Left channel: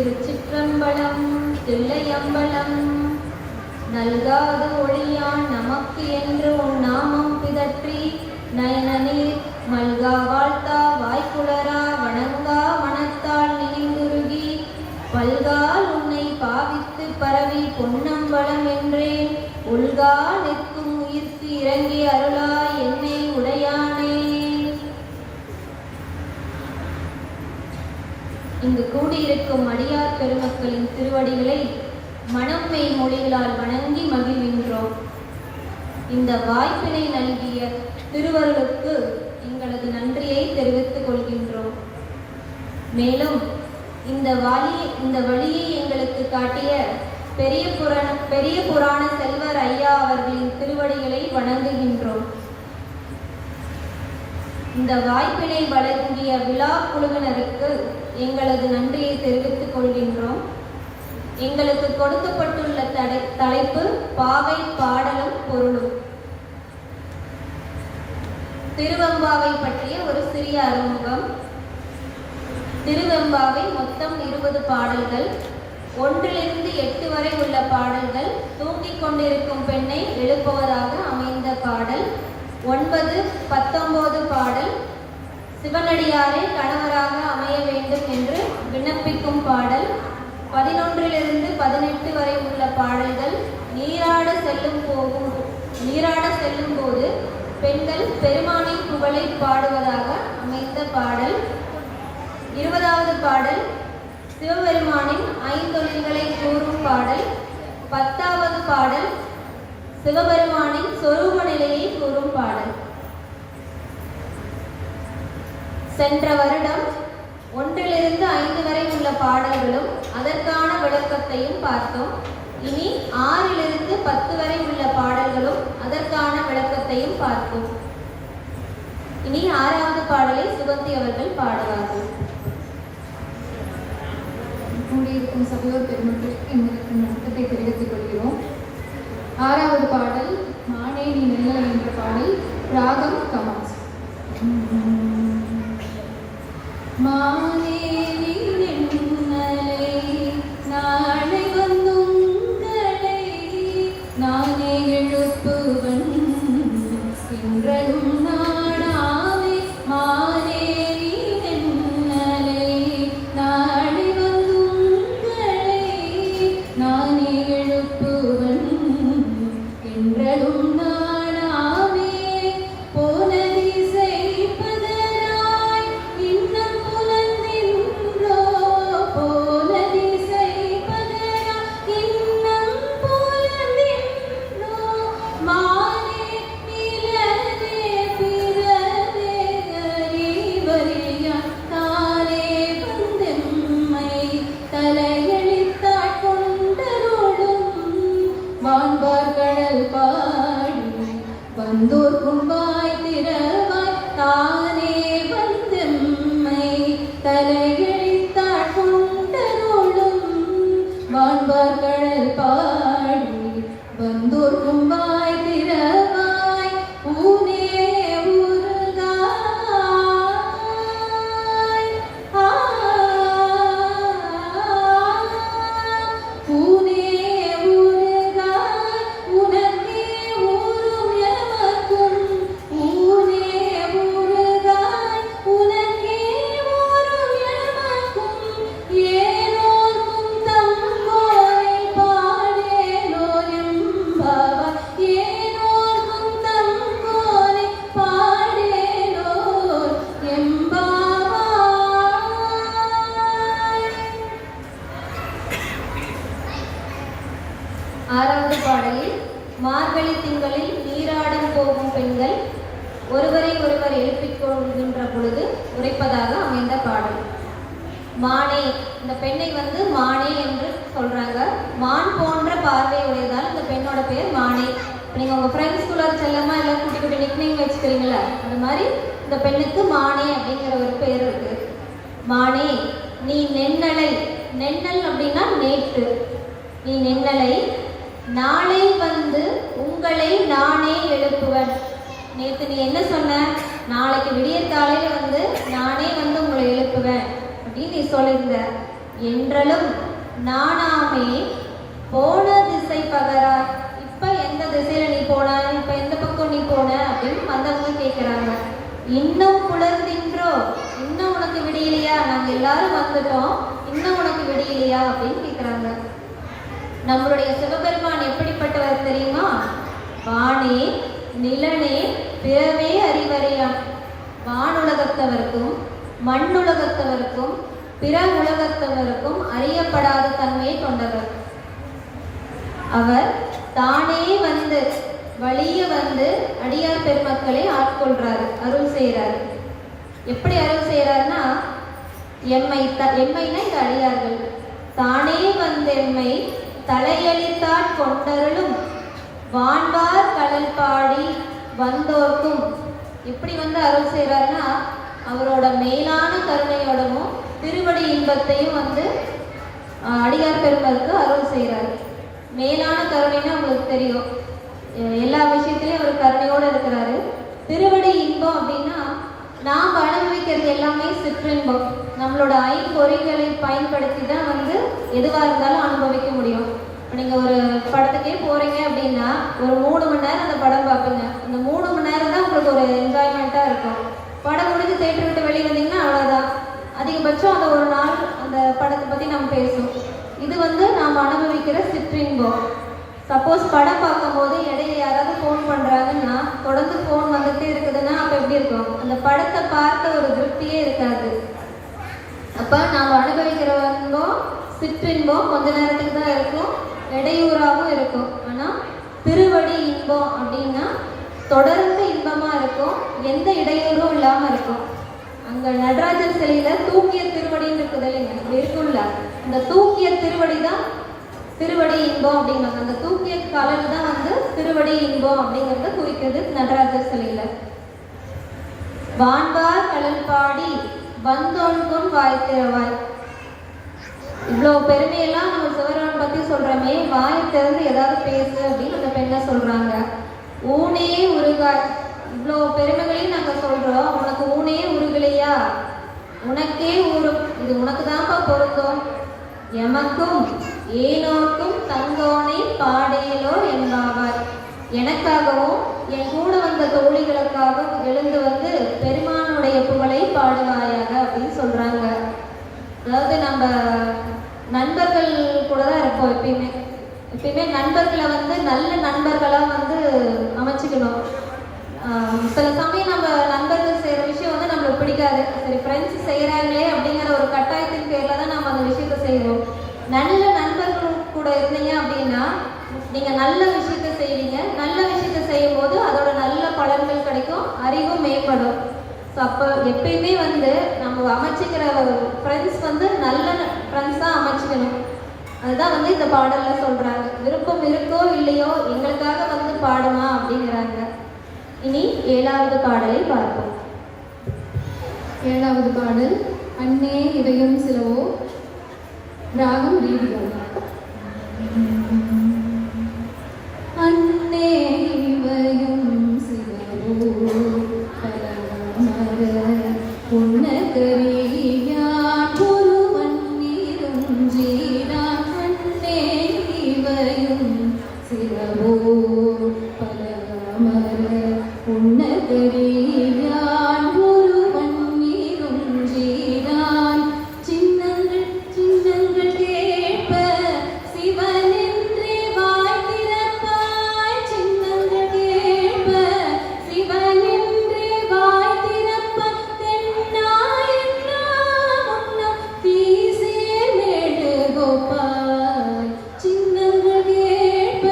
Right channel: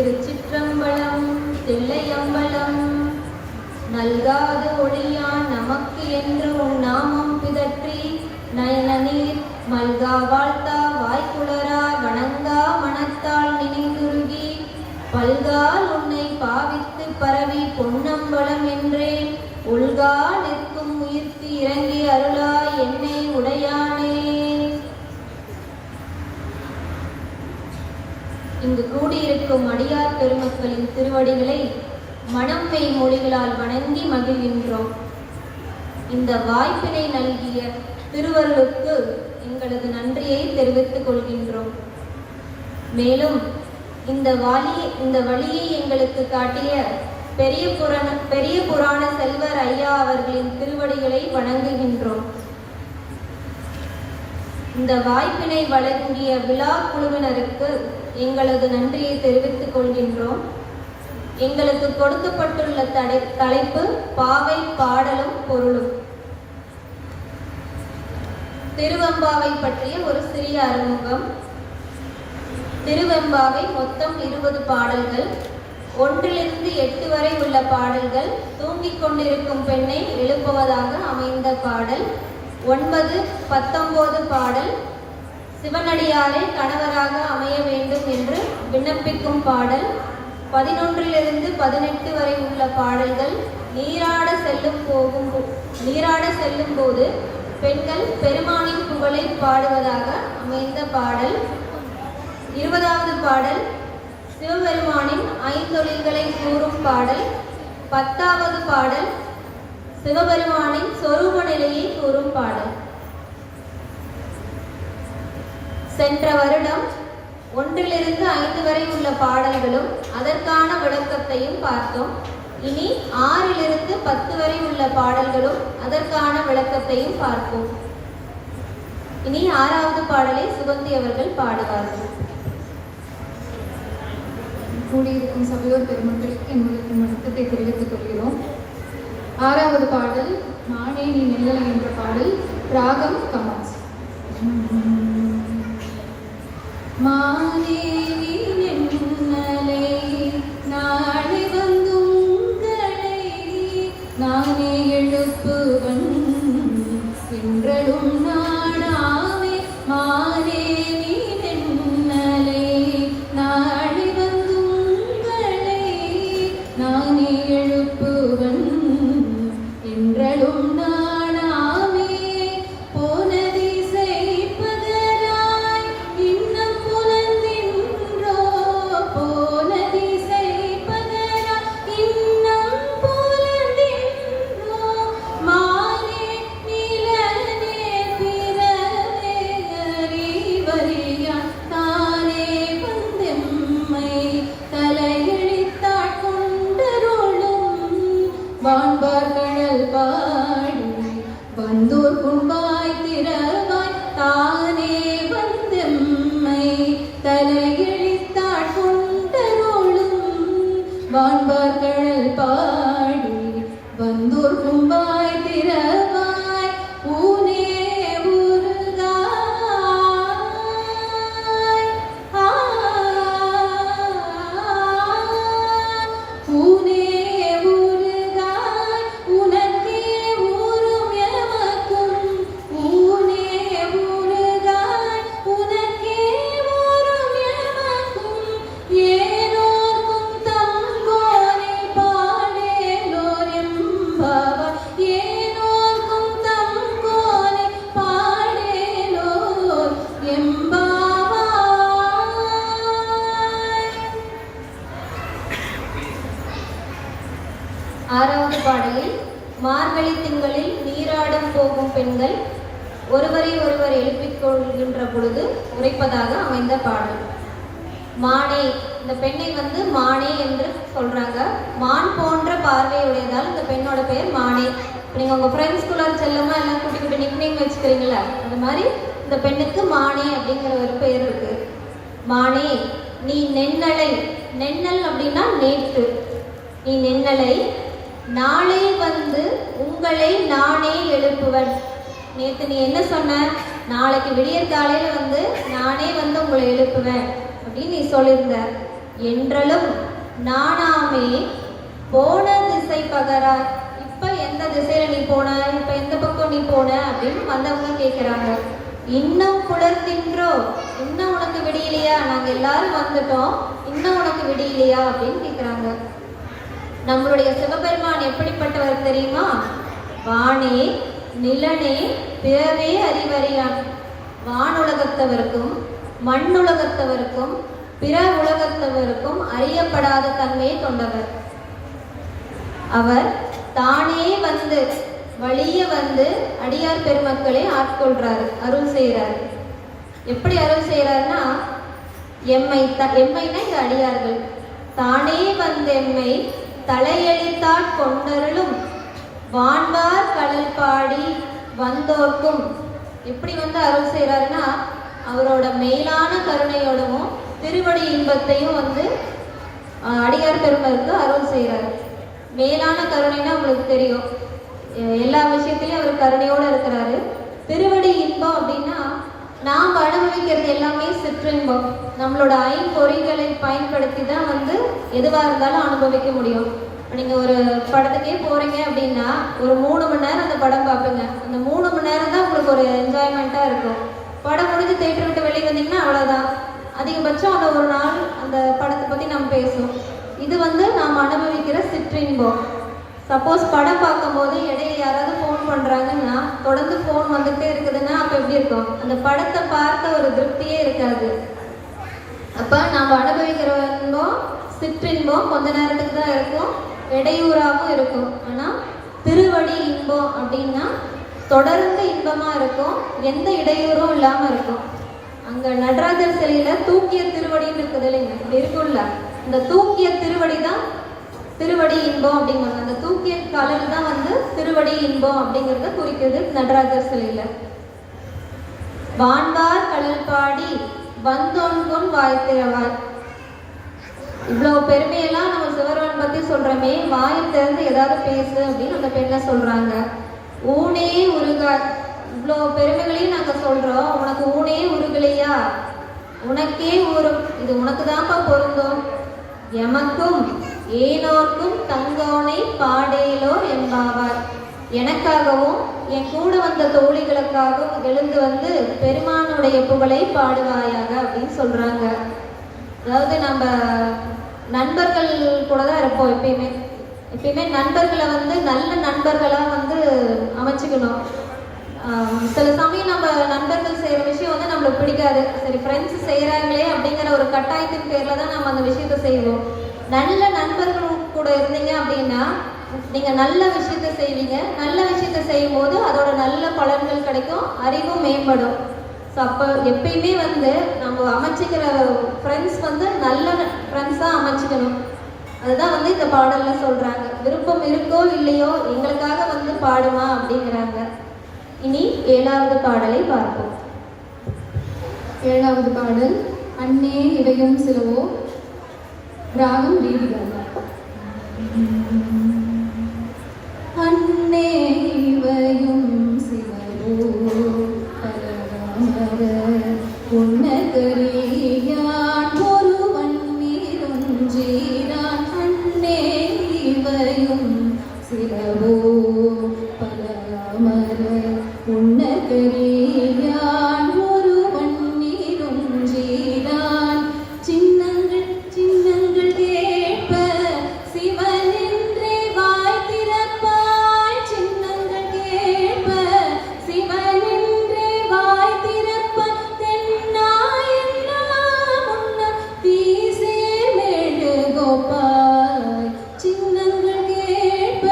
திருச்சிற்றம்பலம் தில்லையம்பலம். நல்காது ஒளியான் நமக்கு என்று உன் நாமம் பிதற்றி நைனநீர் மல்கா வாழ்த்தா வாய்க்குளரா வணங்கா மனத்தால் நினைந்துருகி பல்கால் உன்னை பாவித்து பரவி பொன்னம்பலம் என்றேன் உள்கா நிற்கும் உயிர்க்கு இறங்கி அருளாய் என்னை உடையானே. இங்கு கூடியிருக்கும் அடியார் பெருமக்களின் திருவடிகளை மனம்மை மொழிகளால் வணங்கி மகிழ்கின்றோம். இந்த வாய்ப்பினை நல்கிய திருவருளுக்கு எங்களது நன்றியை தெரிவித்துக் கொள்கின்றோம். மேலும் இந்த வழியை எங்களுக்கு காட்டிய பெரிய புராண செல்வர் ஐயா அவர்களின் திருவடிகளை வணங்குகின்றோம். இந்த வாய்ப்பினை வழங்கிய விழா குழுவினருக்கு எங்களது நன்றியை தெரிவித்துக் கொள்கின்றோம். எங்களுக்கு கொடுக்கப்பட்டுள்ள தலைப்பு பாவை பாடலும் பொருளும். திருவெம்பாவை பற்றிய ஒரு சிறிய அறிமுகம். திருவெம்பாவை மொத்தம் 20 பாடல்கள். 1லிருந்து 8 வரை உள்ள பாடல்கள் தூங்கிக் கொண்டிருக்கும் பெண்ணை எழுப்புவதாக அமைந்த பாடல். 9, 19 பாடல் சிவனடியாரை கணவராக அமைய வேண்டும் என்று விண்ணப்பிக்கும் பாடல். 11லிருந்து 18 வரை உள்ள பாடல்கள் நீராட செல்லும் போது பெண்கள் பெருமானின் புகழை பாடுவதாக அமைந்த பாடல். 20வது பாடல் சிவபெருமானின் ஐந்தொழில்களை கூறும் பாடல். 10வது பாடல் சிவபெருமானின் சொரூப நிலையை கூறும் பாடல். சென்ற வருடம் 1லிருந்து 5 வரை உள்ள பாடல்களும் அதற்கான விளக்கத்தையும் பார்த்தோம். இனி 6லிருந்து 10 வரை உள்ள பாடல்களும் அதற்கான விளக்கத்தையும் பார்ப்போம். இனி 6வது பாடலை சுகந்தி அவர்கள் பாடுவார்கள். கூடியிருக்கும் சபையோர் பெருமக்களுக்கு எங்களுக்கு வணக்கத்தை தெரிவித்துக் கொள்கிறோம். 6வது பாடல் மானே நீ நெல்லலை என்ற பாடல். ராகம் கமாஸ். மானே நீ நெல்லலை நாளை வந்துங்களை நானே எழுப்புவன் என்றலும் நாடாமே. மானே நீ நெல்லலை நாளை வந்துங்களை நானே எழுப்புவன் என்றலும் நாடாமே. போன திசை பதராய் இன்னும் புலந்தின்றோ. போன திசை பதராய் இன்னும் புலந்தின்றோ. மானே நிலனே பிறவே அறிவறியா தானே வந்தெம்மை தலையெழுத்தாட் கொண்டருளும் வான்பார் கடல் பாடி வந்தோர் குன்பாய் திறவாய் தானே வந்தெம்மை தலையெழுத்தாட் கொண்டருளும் வான்பார் கடல் பாடி வந்தோர் குன்பாய் திறவாய் ஊனே உருகாய். ஊனே உருகாய் உனக்கே ஊரும் எமக்கும். ஊனே உருகாய் உனக்கே ஊரும் எமக்கும். ஏனோர்க்கும் தங்கோனை பாடேலோர் எம்பாவாய். ஏனோர்க்கும் தங்கோனை பாடேலோர் எம்பாவாய். 6வது பாடலில் மார்கழி திங்களில் நீராடும் போகும் பெண்கள் ஒருவரை ஒருவர் எழுப்பிக் கொள்கின்ற பொழுது உரைப்பதாக அமைந்த பாடல். மானே, இந்த பெண்ணை மானே என்று சொல்றாங்க. மான் போன்ற பார்வை உடையதால் இந்த பெண்ணோட பெயர் மானே. இப்போ நீங்கள் உங்கள் ஃப்ரெண்ட்ஸ்குள்ள செல்லமா எல்லாம் குட்டி குட்டி நிக்நேம் வச்சுக்கிறீங்களா, அந்த மாதிரி இந்த பெண்ணுக்கு மானே அப்படிங்கிற ஒரு பெயர் இருக்கு. மானே நீ நென்னலை. நென்னல் அப்படின்னா நேற்று. நீ நென்னலை நாளை வந்து உங்களை நானே எழுப்புவன். நேற்று நீ என்ன சொன்ன? நாளைக்கு விடியற் காலையில நானே உங்களை எழுப்புவேன் அப்படின்னு நீ சொல்லியிருந்த. என்றலும் நானாமே போன திசை பகராய். இப்ப எந்த திசையில நீ போன, இப்ப எந்த பக்கம் நீ போன அப்படின்னு வந்தவங்க கேட்கிறாங்க. இன்னும் புலர்ந்தின்றோ, இன்னும் உனக்கு விடியலையா, நாங்க எல்லாரும் வந்துட்டோம், இன்னும் உனக்கு விடியலையா அப்படின்னு கேட்கிறாங்க. நம்மளுடைய சிவபெருமான் எப்படிப்பட்டவர் தெரியுமா? வானே நிலனே பிறவே அறிவறியான். வானுலகத்தவருக்கும் மண்ணுலகத்தவருக்கும் பிற உலகத்தவருக்கும் அறியப்படாத தன்மையை கொண்டவர். அவர் தானே வந்து வழிய வந்து அடியார் பெருமக்களை ஆட்கொள்றாரு, அருள் செய்யறாரு. எப்படி அருள் செய்யறாருன்னா, எம்மைனா இந்த அடியார்கள் தானே வந்து எம்மை தலையெளித்தாற் கொண்டருளும் வான்வார் கடல் பாடி வந்தோர்க்கும். எப்படி வந்து அருள் செய்யறாருன்னா, அவரோட மேலான கருணையோடவும் திருவடி இன்பத்தையும் வந்து அடியார் பெருமருக்கு அருள் செய்கிறார். மேலான கருணைன்னா உங்களுக்கு தெரியும், எல்லா விஷயத்திலையும் அவர் கருணையோடு இருக்கிறாரு. திருவடி இன்பம் அப்படின்னா நாம் அனுபவிக்கிறது எல்லாமே சிற்றின்பம். நம்மளோட ஐம்பொறிகளை பயன்படுத்தி தான் வந்து எதுவாக இருந்தாலும் அனுபவிக்க முடியும். நீங்கள் ஒரு படத்துக்கே போகிறீங்க அப்படின்னா ஒரு 3 மணி நேரம் அந்த படம் பார்ப்பீங்க. அந்த 3 மணி நேரம் தான் உங்களுக்கு ஒரு என்ஜாய்மெண்ட்டாக இருக்கும். படம் முடிஞ்சு தேட்டர் விட்டு வெளியே வந்தீங்கன்னா அவ்வளோதான். அதிகபட்சம் அந்த ஒரு நாள் அந்த படத்தை பற்றி நம்ம பேசுவோம். இது வந்து நாம் அனுபவிக்கிற சிற்றின்பம். சப்போஸ் படம் பார்க்கும்போது இடையில யாராவது ஃபோன் பண்ணுறாங்கன்னா, தொடர்ந்து ஃபோன் வந்துகிட்டே இருக்குதுன்னா அப்போ எப்படி இருக்கும்? அந்த படத்தை பார்த்த ஒரு திருப்தியே இருக்காது. அப்போ நாம் அனுபவிக்கிற இன்பம் சிற்றின்பம் கொஞ்ச நேரத்துக்கு தான் இருக்கும், இடையூறாகவும் இருக்கும். ஆனால் திருவடி இன்பம் அப்படின்னா தொடர்ந்து இன்பமாக இருக்கும், எந்த இடையூறும் இல்லாமல் இருக்கும். அங்கே நடராஜர் சிலையில் தூக்கிய திருவடின்னு இருக்குது இல்லைங்க, அப்படி இருக்கும்ல, அந்த தூக்கிய திருவடி தான் திருவடி இன்பம் அப்படிங்கிறது. அந்த தூக்கிய கலர் தான் வந்து திருவடி இன்பம் அப்படிங்கிறத குறிக்கிறது நடராஜர் சிலையில. வான்வார் கடல் பாடி வந்தோன்கொன் வாய்த்திறவாய். இவ்வளோ பெருமையெல்லாம் நம்ம சிவரான் பத்தி சொல்றோமே, வாயை திறந்து ஏதாவது பேசு அப்படின்னு அந்த பெண்ணை சொல்றாங்க. ஊனே உருகாய். இவ்வளோ பெருமைகளையும் நாங்க சொல்றோம், உனக்கு ஊனே உருகலையா? உனக்கே ஊரும், இது உனக்கு தான்ப்பா பொருந்தும். எமக்கும் ஏனோர்க்கும் தங்கோனை பாடேலோ என்பாவார். எனக்காகவும் என் கூட வந்த தோழிகளுக்காகவும் எழுந்து வந்து பெருமானுடைய புகழை பாடுவாயாக அப்படின்னு சொல்றாங்க. அதாவது நம்ம நண்பர்கள் கூட தான் இருப்போம் எப்பயுமே நண்பர்களை வந்து நல்ல நண்பர்களாக வந்து அமைச்சுக்கணும். சில சமயம் நம்ம நண்பர்கள் செய்கிற விஷயம் வந்து நம்மளுக்கு பிடிக்காது. சரி, ஃப்ரெண்ட்ஸ் செய்கிறாங்களே அப்படிங்கிற ஒரு கட்டாயத்தின் பேரில் தான் நம்ம அந்த விஷயத்த செய்வோம். நல்ல நண்பர்கள் கூட இருந்தீங்க அப்படின்னா நீங்கள் நல்ல விஷயத்த செய்வீங்க. நல்ல விஷயத்த செய்யும் போது அதோட நல்ல பலன்கள் கிடைக்கும், அறிவும் மேம்படும். ஸோ அப்போ எப்பயுமே வந்து நம்ம அமைச்சிக்கிற ஃப்ரெண்ட்ஸ் வந்து நல்ல ஃப்ரெண்ட்ஸாக அமைச்சிக்கணும். அதுதான் வந்து இந்த பாடலில் சொல்கிறாங்க. விருப்பம் இருக்கோ இல்லையோ எங்களுக்காக வந்து பாடுமா அப்படிங்கிறாங்க. இனி 7வது பாடலை பார்ப்போம். 7வது பாடல் அன்னே இவையும் சிலவோ, ராகம் ரீதியோ. அன்னே இவையும் சிலவோ புன்னகரியான் ஒருவன் நீருஞ்சீரான். அன்னே இவையும் சிலவோ பலமர புன்னகரியான் ஒருவன் நீருஞ்சீரான். சின்னங்கள் சின்னங்கள் கேட்ப சிவனின்றே வாய் திறப்பாய். சின்னங்கள் கேட்ப சிவனின்றே வாய் திறப்பாய். தென்னாயன்னா முன்ன தீசேர் மேடு கோப்பாய். சின்னங்கள் கேட்ப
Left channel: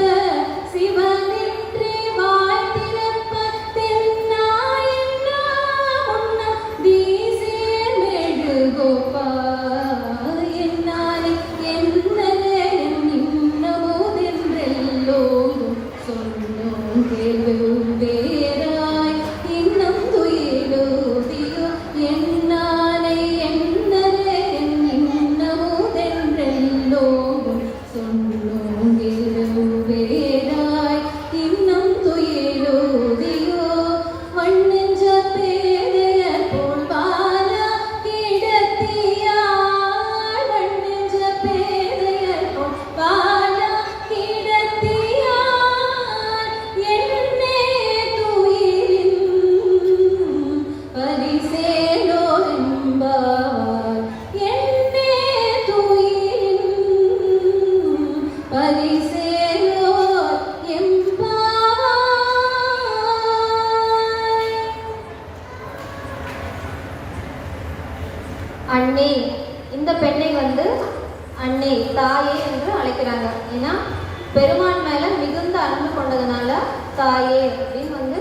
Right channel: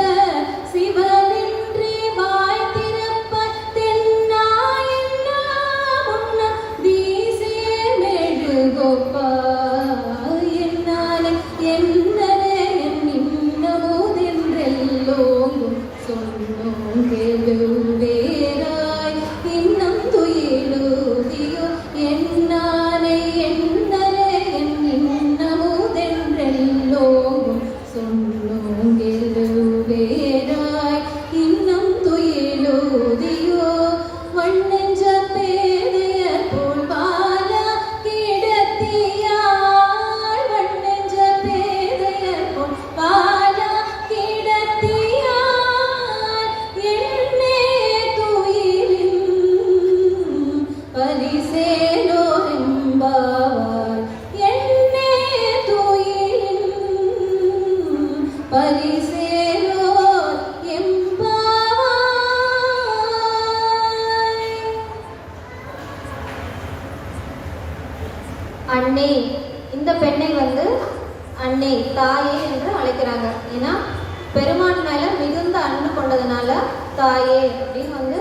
மிகுந்த அன்பு கொண்டதுனால தாயே அப்படின்னு வந்து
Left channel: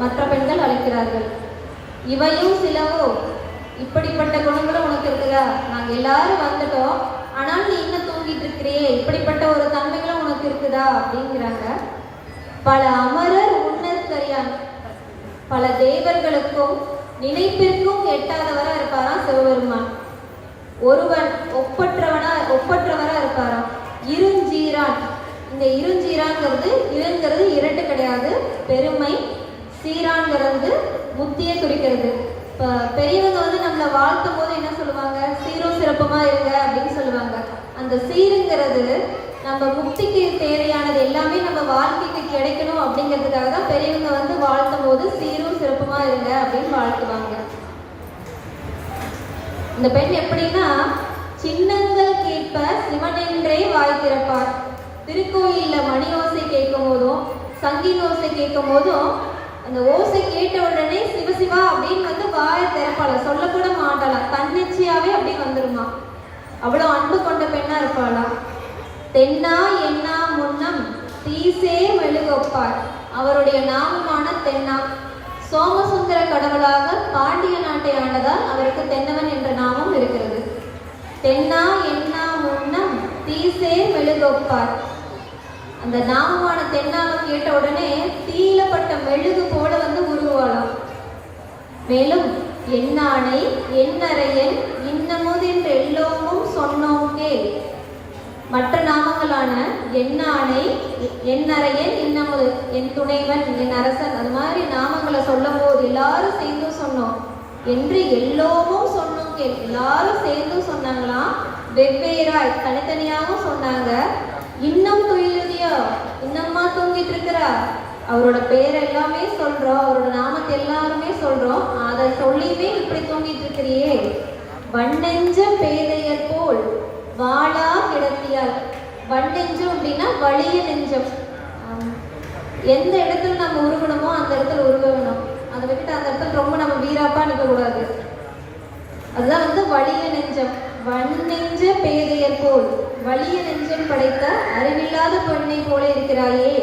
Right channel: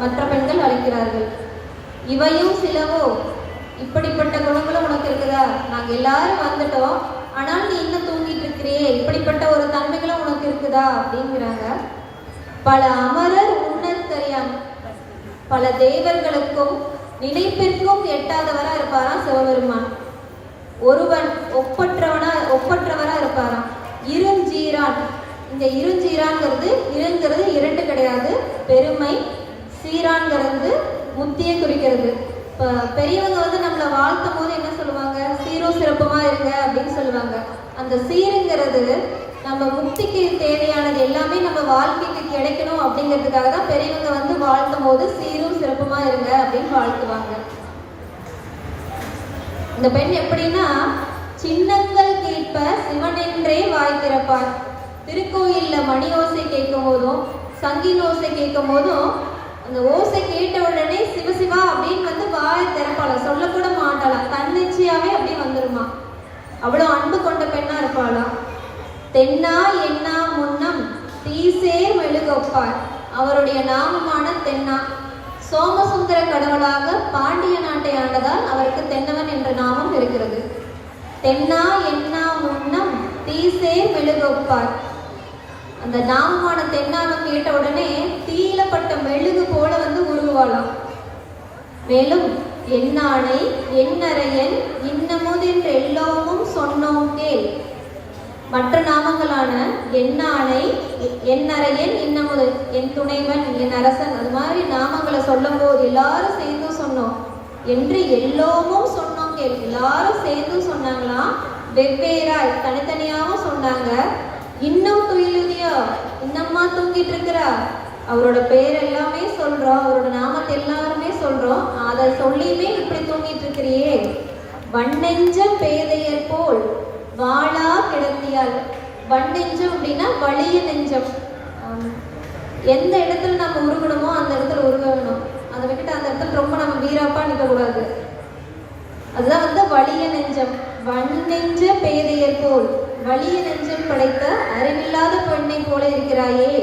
மற்ற பெண்கள் அழைக்கிறார்கள். இவையும் சிலவோ, இப்படிப்பட்ட குணங்களும் உனக்கு இருக்குதா? நாங்கள் எல்லாரும் வந்துட்டோம், ஆனால் நீ இன்னும் தூங்கிட்டு இருக்கிறியே, இப்படிப்பட்ட ஒரு தன்மைகளும் உனக்கு இருக்குதா அப்படிங்கிறாங்க. பல அமரர் உன்னற்கரியான், பல தேவர்களுக்கும் நினைப்பிற்கும் எட்டாதவரா இருப்பாராம் சிவபெருமான். ஒருவன் ஒப்பற்றவரா இருப்பாராம். இருஞ்சீரான், இந்த இருஞ்சீரான்ங்கிறது இருங்கிறது இரண்டு கிடையாது, பெருமை. சீரான்கிறது புத்தியை குறிக்கிறது. இப்போ பெரியவங்க வந்து நம்மளை வாழ்த்தும் போது என்ன சொல்லுவாங்க? சீரும் சிறப்புமா இருங்க அப்படின்னு சொல்லுவாங்க. அந்த சீருங்கிறது நம்ம முக்திக்கு தேவையானது எல்லாமே நம்ம வாழ்க்கைக்கு கிடைக்கணும் அப்படிங்கிறதுக்காக தான் பெரியவங்க வந்து வாழ்த்தும் போது சீரும் சிறப்புமா இருங்க அப்படின்னு வாழ்த்துவாங்க. இந்த பெண் எப்படின்னா, சின்னங்கள் கேட்ப சிவனென்றே வாய் திறப்பார். திருக்கோயில்ல மணி ஓசை கேட்கும் போதும் சங்கில் ஓசை கேட்கும் போதும் அந்த ஓசை கேட்ட உடனே சிவசிவா அப்படின்னு வந்து வாயை திறப்பாளா, சொல்லக்கூட மாட்டாளா, தன்னிச்சையாவே அப்படி வந்துருமா. அவ்வளோ அன்பு கொண்ட பெண்ணா இருப்பாளா. தென்னா என்னா முன்னம் தீசே மெழுகொப்பார், அவருடைய நாமமான தென்னா. சோமசுந்தர கடவுளாக பாண்டிய நாட்டை ஆனதால் அவருக்கு தென்னவன் என்ற நாமம் இருக்கிறது. தென்னா என்னா முன்னம் தீசே மெழுகொப்பார், அந்த நாமமான தென்னாவை கேட்ட உடனே தீயிலப்பட்ட மெழுகு போல வந்து உருவாளாம். மேலும் என்னானை என்னறையன் இன்னமுது என்று எல்லாமும் சொன்னோம் கேள். மற்ற நாமங்களான என்னானை என்னறையன் இன்னமுது, என் துணைவன் என் அரசன், அது மாதிரி நாமங்களை சொல்லும் போது எல்லாரும் சேர்ந்தும் சொன்னோம் என்று எல்லோமும் சொன்னோம் கேள். எல்லாரும் சேர்ந்தும் சொன்னாங்களாம், வெவ்வேறாய் தனித்தனியாகவும் சொன்னாங்க. இன்னும் துயிலுதியோ, இன்னம்மா தூங்கிட்டு இருக்கிறா, அவரோட பேர் எல்லாமே சொல்றோம், அவரோட நாமத்தை எல்லாருமே சொல்றோம், அதை சொல்லியுமே இப்படி தூங்கிட்டு இருக்கிறியே. வண்ணெஞ்சம் பேதையர் போல் வாளா கிடத்தியால். வண்ணெஞ்சம் அப்படின்னா வலிய நெஞ்சம். எந்த இடத்துல நம்ம உருகணுமோ அந்த இடத்துல உருகணும். அதை விட்டுட்டு அந்த இடத்துல ரொம்ப நம்ம வீராப்பா நிற்க கூடாது. அதுதான் வந்து வலிய நெஞ்சம். வண்ணெஞ்ச பேதையர் போல், வலிய நெஞ்சம் படைத்த அறிவில்லாத பெண்ணை போல இருக்கிறாயே.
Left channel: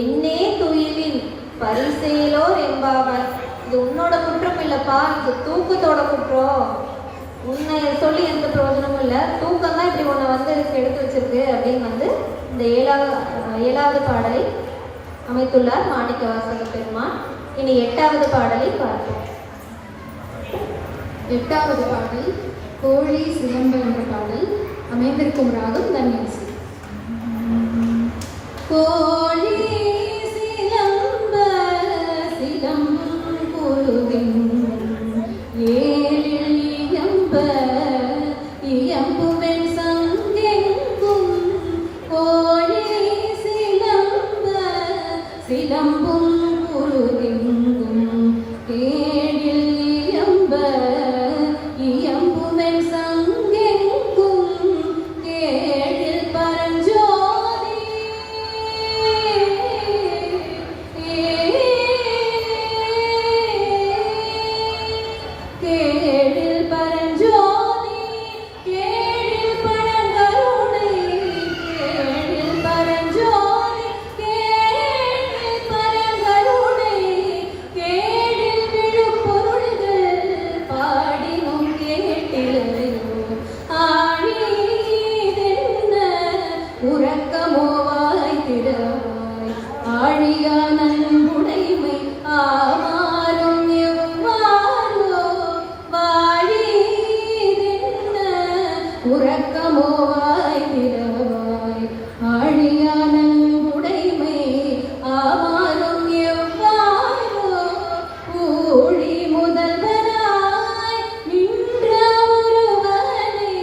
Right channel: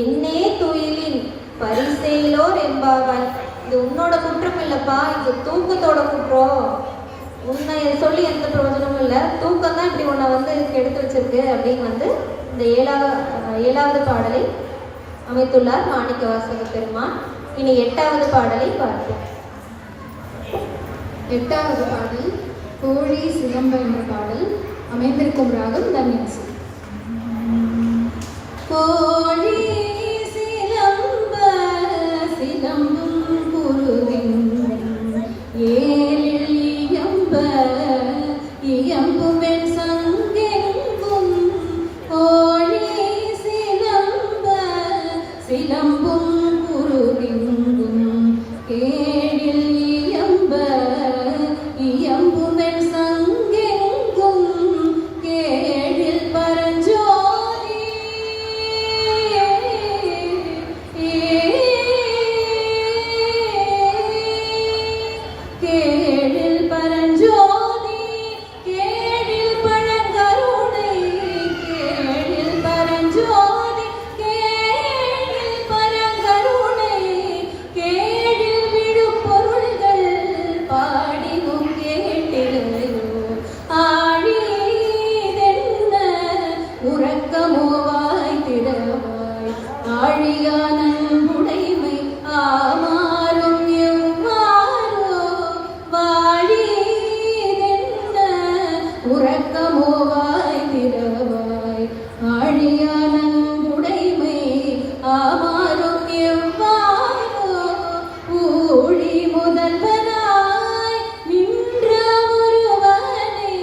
என்னே துயிலின் பரிசேலோர் என்பாவாய். இது உன்னோட குற்றம் இல்லப்பா, இது தூக்கத்தோட குற்றம். உன்னை சொல்லி எந்த பிரயோஜனமும் இல்லை, தூக்கம் தான் இப்படி உன்னை வந்து இதுக்கு எடுத்து வச்சிருக்கு அப்படின்னு வந்து இந்த ஏழாவது பாடலை அமைத்துள்ளார் மாணிக்கவாசக பெருமான். இனி 8வது பாடலை பார்ப்போம். 8வது பாடல் கோழி சிலம்பு என்ற பாடல். அமைந்திருக்கும் ராகம் தன்யாசி. கோழி சிலம்ப சிலம்பும் குருவின் ஏழில் இயம்ப இயம்புமென் சங்கெங்கும். கோழி சிலம்ப சிலம்பும் குருவெங்கும் கேழில் இயம்ப இயம்புமென் சங்கெங்கும். கேழில் பரஞ்சோதி கேழில் பரஞ்சோதி கேழில் பழங்கருணை. கேழில் பரஞ்சோதி கேழில் பழங்கருணை. கேழில் விழும் பொருள்கள் பாடினும் கேட்டிலையோ. ஆழிதென்ன உறக்கமோ வாய் திறவாய். ஆழியான உடைமை ஆமாறும் எவ்வாறோ. வாழிதென்ன உறக்கமோ வாய் திறவாய். ஆழியான உடைமை ஆமாறும் எவ்வாறோ. ஊழி முதல்வனாய் நின்ற ஒருவனை.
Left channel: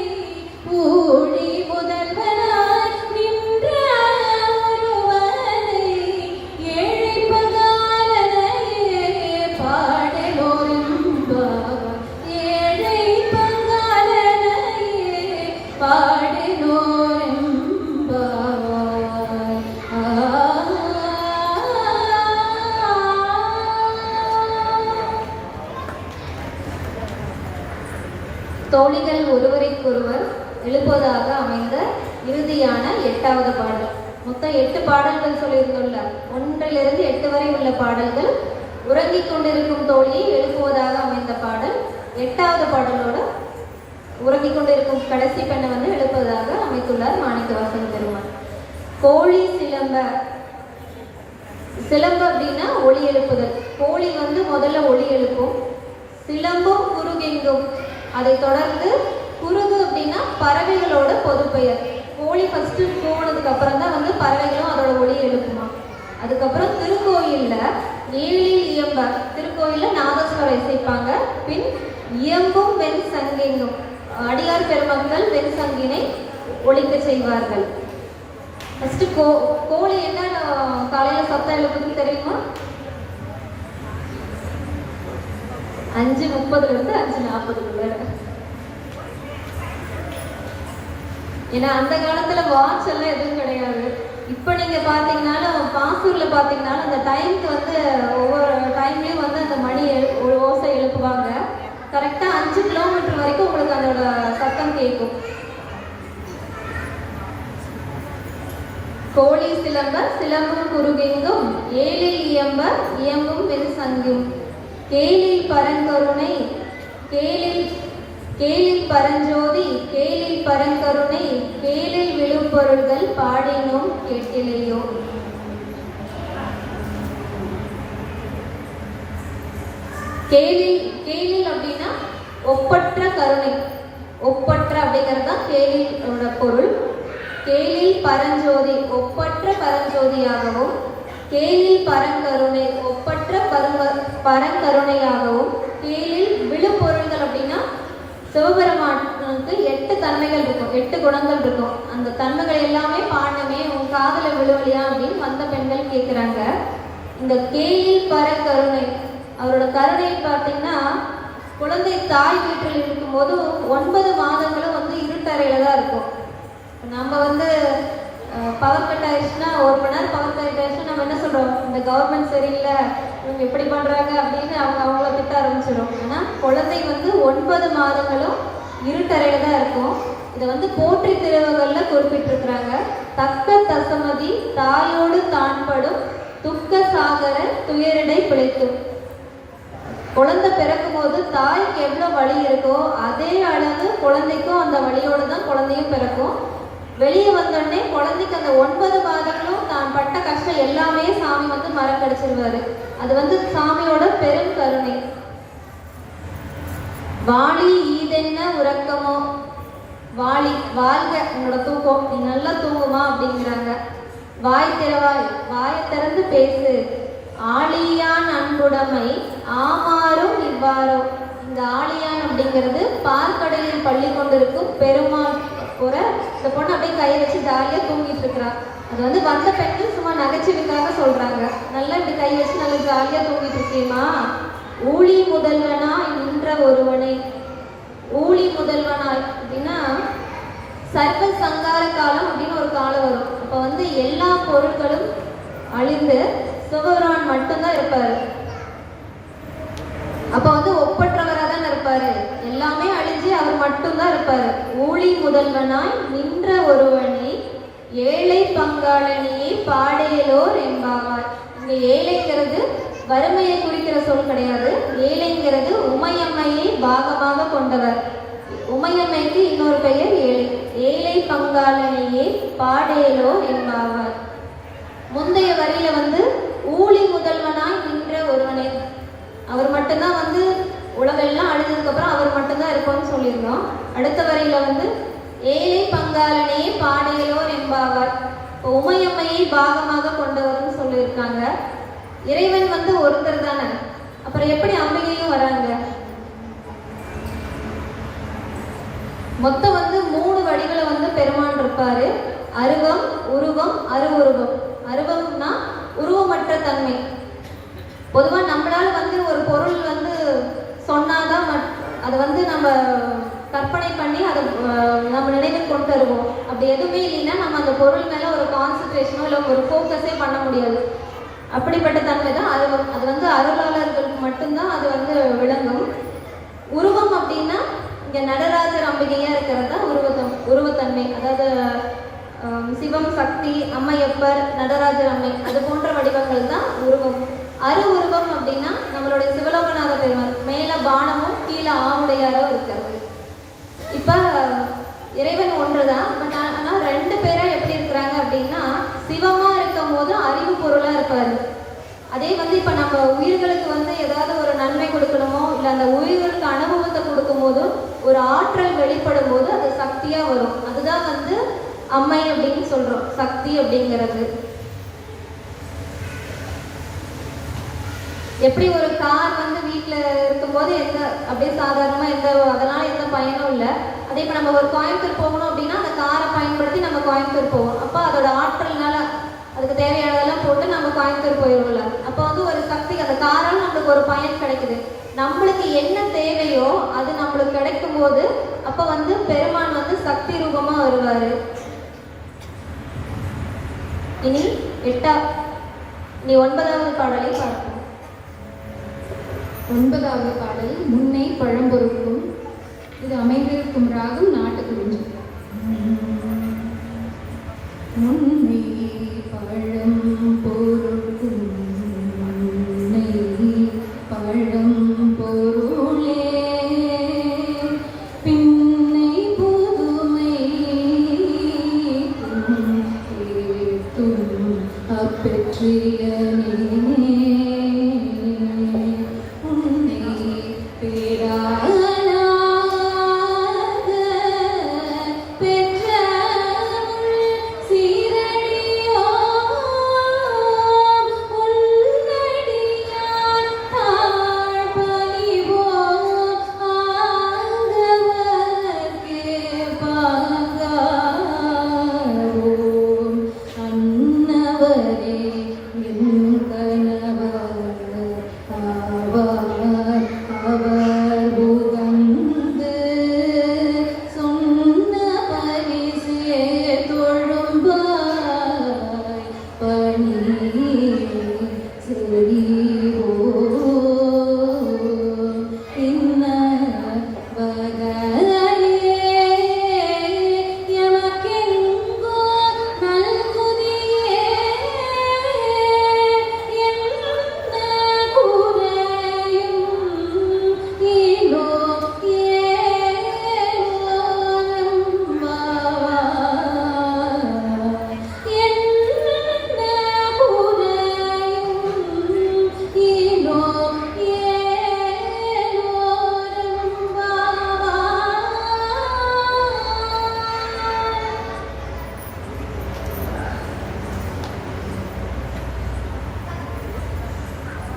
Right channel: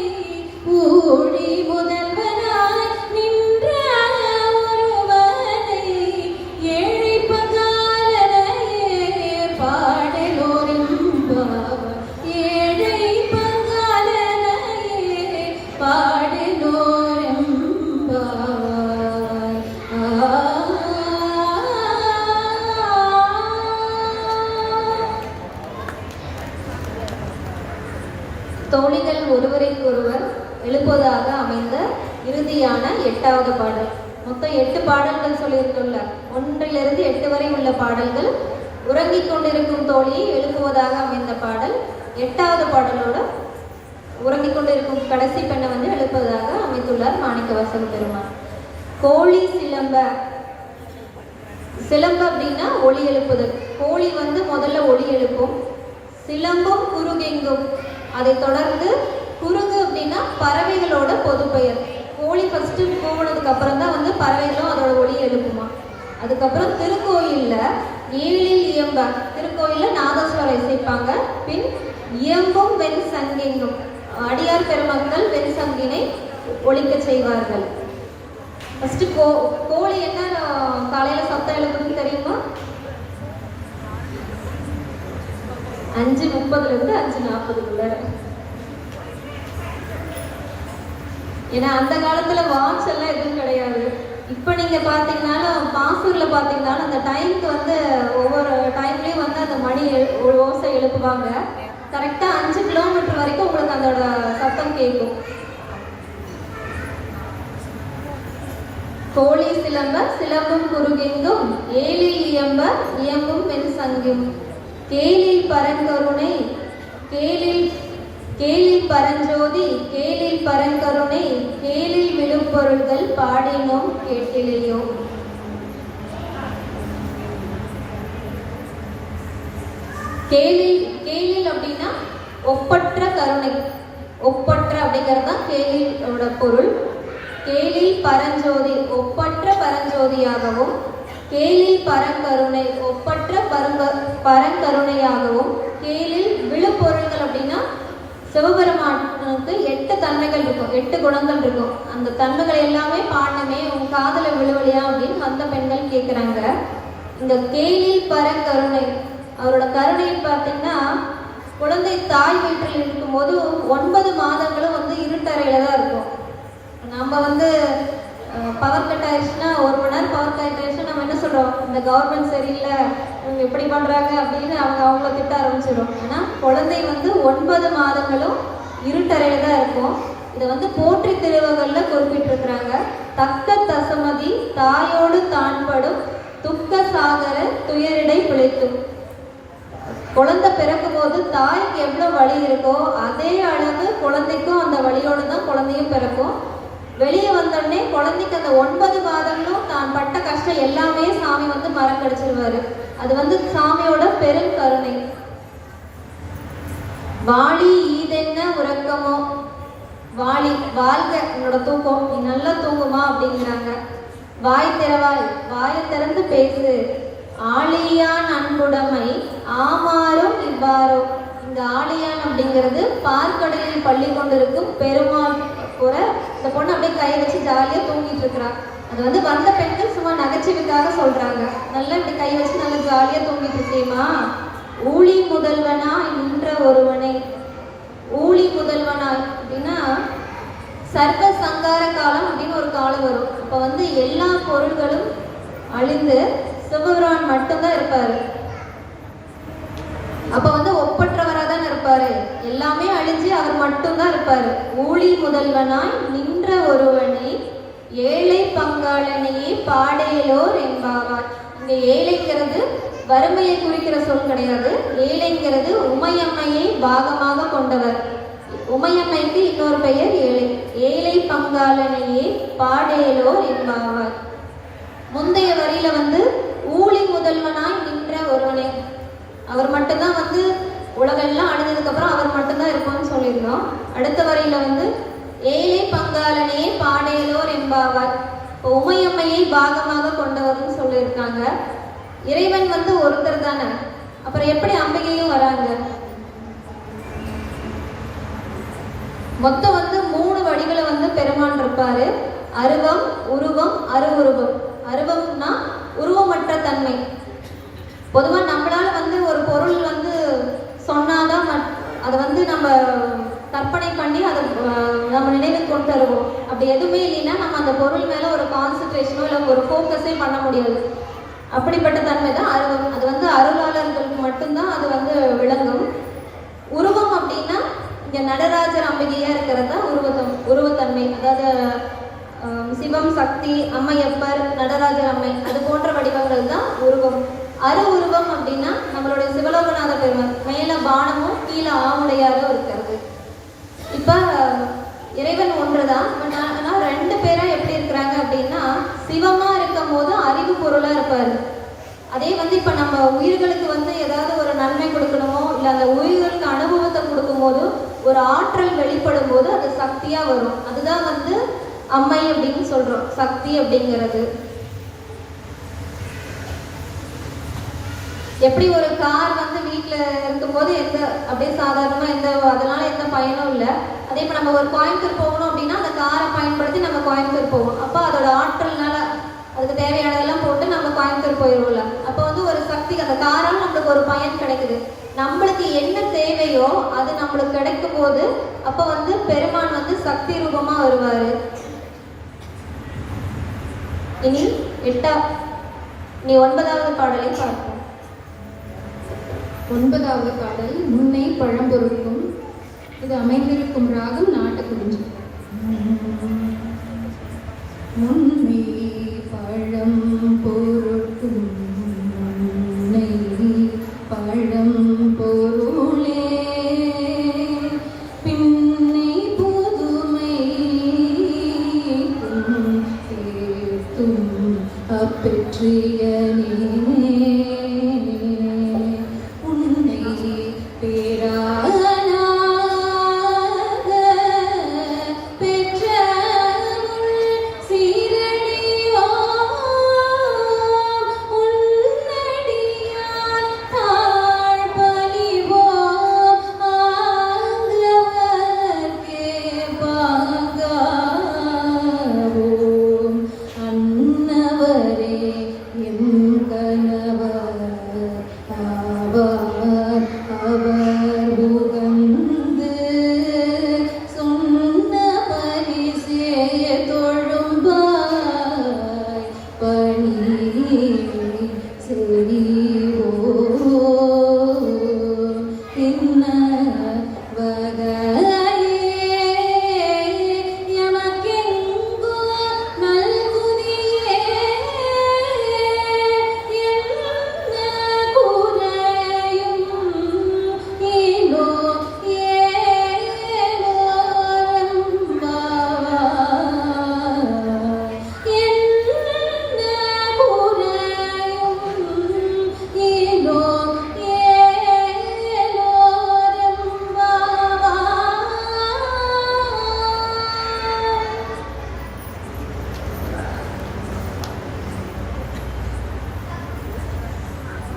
ஊழி முதல்வனாய் நின்ற ஒருவனை. ஏழை பங்காளனையே பாடலோரெம்பாவாய். ஏழை பங்காளனையே பாடலோரெம்பாவாய். தோழிகள் ஒருவரைக்கொருவர் எழுப்புவதாக அமைந்த இறுதியான 8வது பாடல். மொத்தம் 8 பாடல்கள் சொல்லியிருக்கோம்ல, 1லிருந்து 8 வரை உள்ள பாடல்கள் உறங்கிக் கொண்டிருக்கும் தோழியை எழுப்புவதாக அமைந்த பாடல். 8வது பாடலோட உறங்கிக் கொண்டிருக்கும் கடைசி பெண்ணை வந்து எழுப்புவதாக அமைத்துள்ளார் மாணிக்கவாசக பெருமான். கோழி சிலம்ப. சிலம்பு அப்படின்னா ஒளி எழுப்புதல். கோழி வந்து முதல்ல ஒளி எழுப்பும். சிலம்பும் குருகெங்கும். அதை தொடர்ந்து குருகு அப்படின்னா பறவைகளோட பொது பெயர். கோழி ஃபர்ஸ்ட் போனதுக்கு அப்புறம் தான் வந்து பறவைகளும் அதோட ஒளி எழுப்புமா. அதுக்கப்புறம் திருக்கோயில்ல ஏழில் இயம்ப, திருக்கோயில்ல நாதஸ்வரம் இசைப்பாங்க. பின் இயம்பும் வெண் சங்கெங்கும், அடியார் பெருமக்கள் வெண் சங்கினை ஒலிக்க செய்வார்கள். ஃபர்ஸ்ட் கோழி என்ன காலையில சத்தம் எழுப்புன்னு தெரியுமா? 5:30 5:40. ஏன்னா அந்த காலத்துல வாட்ச் எல்லாம் எதுவும் கிடையாது. இப்போ நீங்க பாத்தீங்கன்னாலும் பாசூர்ல பாத்தீங்கன்னாலும் அந்த டைமுக்கு வந்து ஒவ்வொரு டைம்லயும் வந்து அந்த மணி ஒரு ஓசை எழுப்புவாங்க. கரெக்டா 5 கிலோமீட்டர் வரைக்கும் உங்களுக்கு அதோட சத்தம் கேட்கும். கோழி சிலம்ப சிலம்பும் குருகெங்கும், ஏழில் இயம்ப இயம்பும் வெண் சங்கும், கேளில் பரங்கருணை கேளில் பரஞ்சோதி கேளில் பரங்கருணை கேளில் விழுப்பொருள்கள் பாடினோம் கேட்டிலையோ. கேளில் அப்படின்னா ஒப்பற்ற கருணை. ஒப்பற்ற அப்படிங்கிறது தான் கேளிலோட பொருள். கேளில் பரஞ்சோதி ஒப்பற்ற பரஞ்சோதியாகவும், கேளில் பரங்கருணை ஒப்பற்ற பரங்கருணையாகவும், கேளில் விழுப்பொருள்கள் அப்படின்னா சிவபெருமானுக்கு 8 தன்மைகள் இருக்கும், 8 குணங்கள் இருக்கும். அந்த தன்மைகள் எல்லாமே பாடணுமே, உன் காதல விழுவலையா அப்படின்னு வந்த பெண்கள் கேட்குறாங்க. இந்த கேளில் பரங்கருணை, அவரோட கருணையில் பார்த்தீங்கன்னா குழந்தை தாய் வீட்டில் இருக்கும்போது 9 மாதங்களும் வந்து இருட்டறையில தான் இருக்கும். நம்ம வந்து பவர் கட் ஆயிடுச்சுன்னா 1 மணி நேரம் பவர் கட் ஆயிடுச்சுன்னா நம்ம என்ன சொல்றோம், இந்த கவர்மெண்ட் சரியில்லை, இவங்க எப்படி பண்றாங்க அப்படின்னு அவங்கள திட்ட ஆரம்பிச்சிடும். ஆனா குழந்தை வந்து 9 மாதங்களும் இருட்டறையில தான் இருக்கும். இதை வந்து போற்றி திருவகல்ல குறிப்பிட்டிருக்கிறாங்க. தக்க தசமதி தாயோடு தான்படும் துக்க சாகர துயரிடை பிழைக்கும். குழந்தை பிறக்கும் போது தாய்க்கு எவ்வளவு வலி இருக்கோ அதே அளவு குழந்தைக்கும் அந்த வலியோடு தான் குழந்தையும் பிறக்கும். வெளியே வந்தோடனே குழந்தைக்கு அந்த 9 மாதங்களும் தான் பட்ட கஷ்டம் எல்லாமே சாமி வந்து மறக்கடிச்சிருவாரு. அது வந்து சாமியோட பெரும் கருணை. வாளி ஈதென்ன உறக்கமோ, வாளி வாழ்க உன்னோட தூக்கம், நீ நல்லா தூங்குமா அப்படிங்கிறாங்க. வாய் திறவாய், வாயை திறந்து பேசு, ஆளியான் அன்புடைமை ஆமாறும் இவ்வாறோ. இந்த ஆளியான் அப்படிங்கிறது பார்க்கடலில் பள்ளி கொண்டிருக்கும் பெருமாள் கூட இந்த பொண்ணு அப்படியே கை வச்சு ஜாலியா தூங்கிட்டு இருக்கிறா. அது வந்து வந்த பெண்கள் சும்மா நகைச்சுவைக்காக சொல்றாங்க. நல்லா இப்படி கை வச்சு நல்லா ஜாலியா தூங்கிட்டு இருக்கேமா. ஊழி முதல்வனா நின்ற ஒருவனை. ஊழி முதல்வனா அப்படின்னா சர்வ சங்கார காலம் அப்படின்னு ஒரு காலம் வரும். அப்ப வந்து எல்லா பொருட்களும் அழிந்து சிவபெருமான் மட்டும்தான் இருப்பாரு. அப்ப வந்து ஒப்பற்றவரா தான் இருப்பாரு. எல்லாமே அழிஞ்சு அவர் மட்டும்தான் இருப்பாரு. ஊழி முதல்வனாய் நின்ற ஒருவனை ஏழை பங்காளனையே பாடையலோர் என்பாவார். இங்க ஏழைங்கிறது வறுமையை குறிக்கிற சொல் கிடையாது. ஏழைங்கிறது உமையம்மையை பாகமாக கொண்டவர். உமையம்மைக்கு இன்னொரு பெயர் ஏழை. ஏழை பங்காளனையே பாடையலோர் என்பாவார். முந்தைய வரியில வந்து ஊழி முதல்வனாய் நின்ற ஒருவனை, அவர் மட்டும்தான் வந்து உலகெல்லாம் அழிஞ்சதுக்கு அப்புறம் அவர் மட்டும்தான் இருப்போம்னு சொல்லியிருந்தோம். அடுத்த வரையில வந்து ஏழை பங்காளனையே பாடையலோர் என்பாவர், உமையம்மையை பாகமாக கொண்டவர்னு சொல்லியிருக்காங்க. இறைவன் வந்து ஒருத்தர் தானே, அப்புறம் எப்படி அம்பிகையும் வராங்க? மொத்தம் வந்து 3 வடிகளை வந்து பெருமான் இருப்பாரு. அருவம், உருவம், அருவுருவம். அருவம்னா உருவமற்ற தன்மை. பொதுவா நம்மளால வந்து ஒரு பொருள் வந்து சொன்னாதான் அதை வந்து நம்ம கற்பனை பண்ணி அதை நம்ம நினைவு கொண்டு வருவோம். அப்படி எதுவுமே இல்லைன்னா நம்ம அந்த பொருள் மேல ஒரு கான்சன்ட்ரேஷனோ இல்லை ஒரு ஃபோக்கஸே பண்ண முடியாது. அப்படிப்பட்ட தன்மை தான் அருவம். அது வந்து அருளாளர்களுக்கு மட்டும்தான் அது வந்து விளங்கும். உருவம் அப்படின்னா இங்க நடராஜர் அம்பிகையா இருக்கிறது தான் உருவத்தன்மை. அதாவது சிவம், சக்தி, அம்மையப்பர், நடராஜர் அம்மை அது போன்ற வடிவங்கள் தான் உருவம். அரு உருவம் அப்படின்னா நம்மளுடைய சிவலோகநாத பெருமான் மேல பானமும் கீழே ஆவுடையாரும் இருக்கிறது. இப்ப இறைவன் ஒன்றுதான், பட் ஆனா ரெண்டு பேரும் எப்படி இருக்கிறாங்க அப்படின்னா சிவமா இருக்கும் போது அறிவு பொருளா இருப்பாரு. அதே இப்ப நம்ம உயிர்களுக்கு ஏதாவது ஒரு நன்மை கொடுக்கணுமோ இல்லை அந்த உயிர்களுக்கு அனுபவத்தை கொடுக்கும் போதும் ஒரு ஆற்றல் வெளிப்படும் போது அது சக்தியா வரும். அதுதான் அம்மை அப்படின்னு சொல்றோம், சக்தி அப்படிங்கிறது. எப்படி ஒரு கார் வீட்டுல இருக்கும்போது அப்படியே சாதாரணமா அதனால எந்த பயனும் இல்லை. அதே இப்ப நம்ம ஒரு கோயம்புத்தூர் போகணும் அப்படின்னா அந்த காரை பயன்படுத்தி நம்ம கோயம்புத்தூர் போவோம். அப்போ அதோட ஆற்றல்னால அதுக்கு தேவையானதெல்லாம் போட்டு நம்ம கோயம்புத்தூர் போயிடுவோம்ல. அப்போ ஒரு சக்தி, அந்த காரால் நம்மளுக்கு ஒரு பயன் கிடைக்குது. நம்மளுக்கு என்ன தேவையோ அது நம்மளுக்கு கிடைக்கும் போது அப்போ பெருமான் சக்தி ரூபமா வருவாரு. இனி 9வது பாடலை பார்ப்போம். 9வது பாடல் முன்னை பழம்பொருட்கும். இது அமைந்திருக்கும் ராகம் நாட்டுக்குறிஞ்சி. முன்னை பழம் பொருட்கும் முன்னை பழம் பொருளே பின்னை புதுமை கேட்டும் அப்பெற்றியனே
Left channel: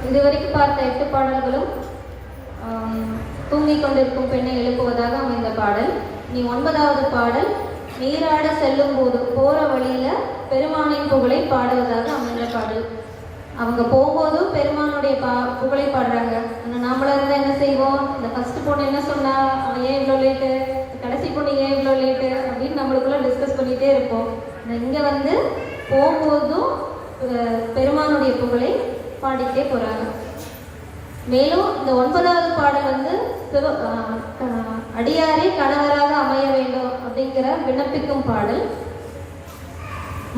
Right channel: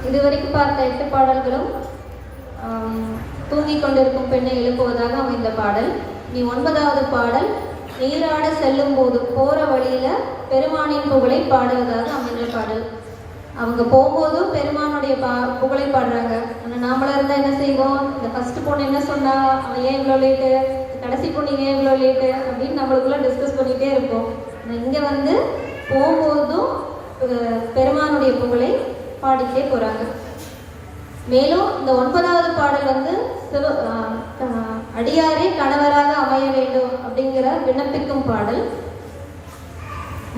இதுவரைக்கும் பார்த்த 8 பாடல்களும் தூங்கிக் கொண்டிருக்கும் பெண்ணை எழுப்புவதாக அமைந்த பாடல். நீ 9வது பாடல் நீராட செல்லும் போது போற வழியில பெருமானின் புகழை பாடுவதாக அமைந்த பாடல். அவங்க போகும்போதும் பெருமானுடைய புகழை பாடுறாங்க. நாமளா இருந்தா என்ன செய்வோம்? இந்த ஃபர்ஸ்ட் பொண்ணு என்ன சொன்னா, அவன் ஏன் இவ்வளோ லேட்டு, கடைசி பொண்ணு ஏன் இவ்வளோ லேட்டு அப்படின்னு நம்மளுக்குள்ள டிஸ்கஸ் பண்ணிட்டே இருப்போம். இங்க போகும்போதும் பெருமானுடைய புகழை பாடிக்கிட்டே போறாங்க. மேலும் இந்த 9வது பாடல் அடியாரே கணவராக அமைய வேண்டும் அப்படிங்கிற விண்ணப்பிக்கும் பாடல்.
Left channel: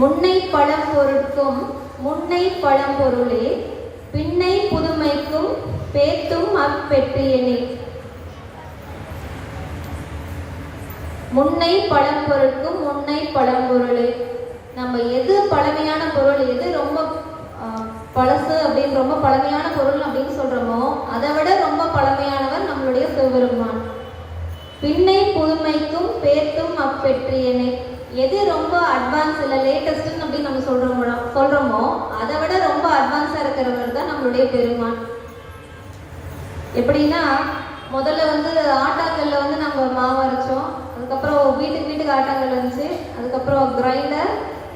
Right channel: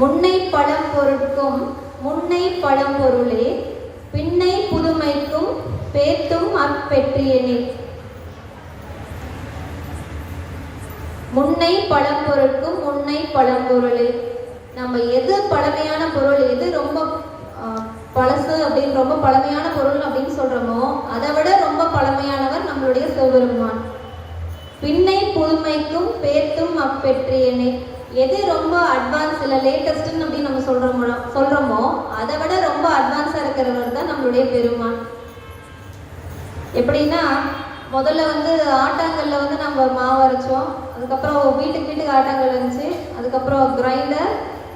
முன்னை பழம் பொருட்கும் முன்னை பழம் பொருளே பின்னை புதுமைக்கும் பேத்தும் அப்பெற்றியனே. முன்னை பழம் பொருட்கும் முன்னை பழம் பொருளே. நம்ம எது பழமையான பொருள், எது ரொம்ப பழசு அப்படின்னு ரொம்ப பழமையான பொருள் அப்படின்னு சொல்றோமோ அதை விட ரொம்ப பழமையானவர் நம்மளுடைய சிவபெருமான். பின்னை புதுமைக்கும் பேத்தும் அப்பெற்றியனே. எது ரொம்ப அட்வான்ஸ் இல்லை லேட்டஸ்ட்னு அப்படின்னு நம்ம சொல்றோமோ அதை விட ரொம்ப அட்வான்ஸா இருக்கிறவர் தான் நம்மளுடைய பெருமான். எப்படின்னா முதல்ல ஆட்டாங்கல்ல நம்ம மாவு அரைச்சோம், அதுக்கப்புறம் வீட்டுக்கு ஆட்டாங்கல் இருந்துச்சு, அதுக்கப்புறம் கிரைண்டர்,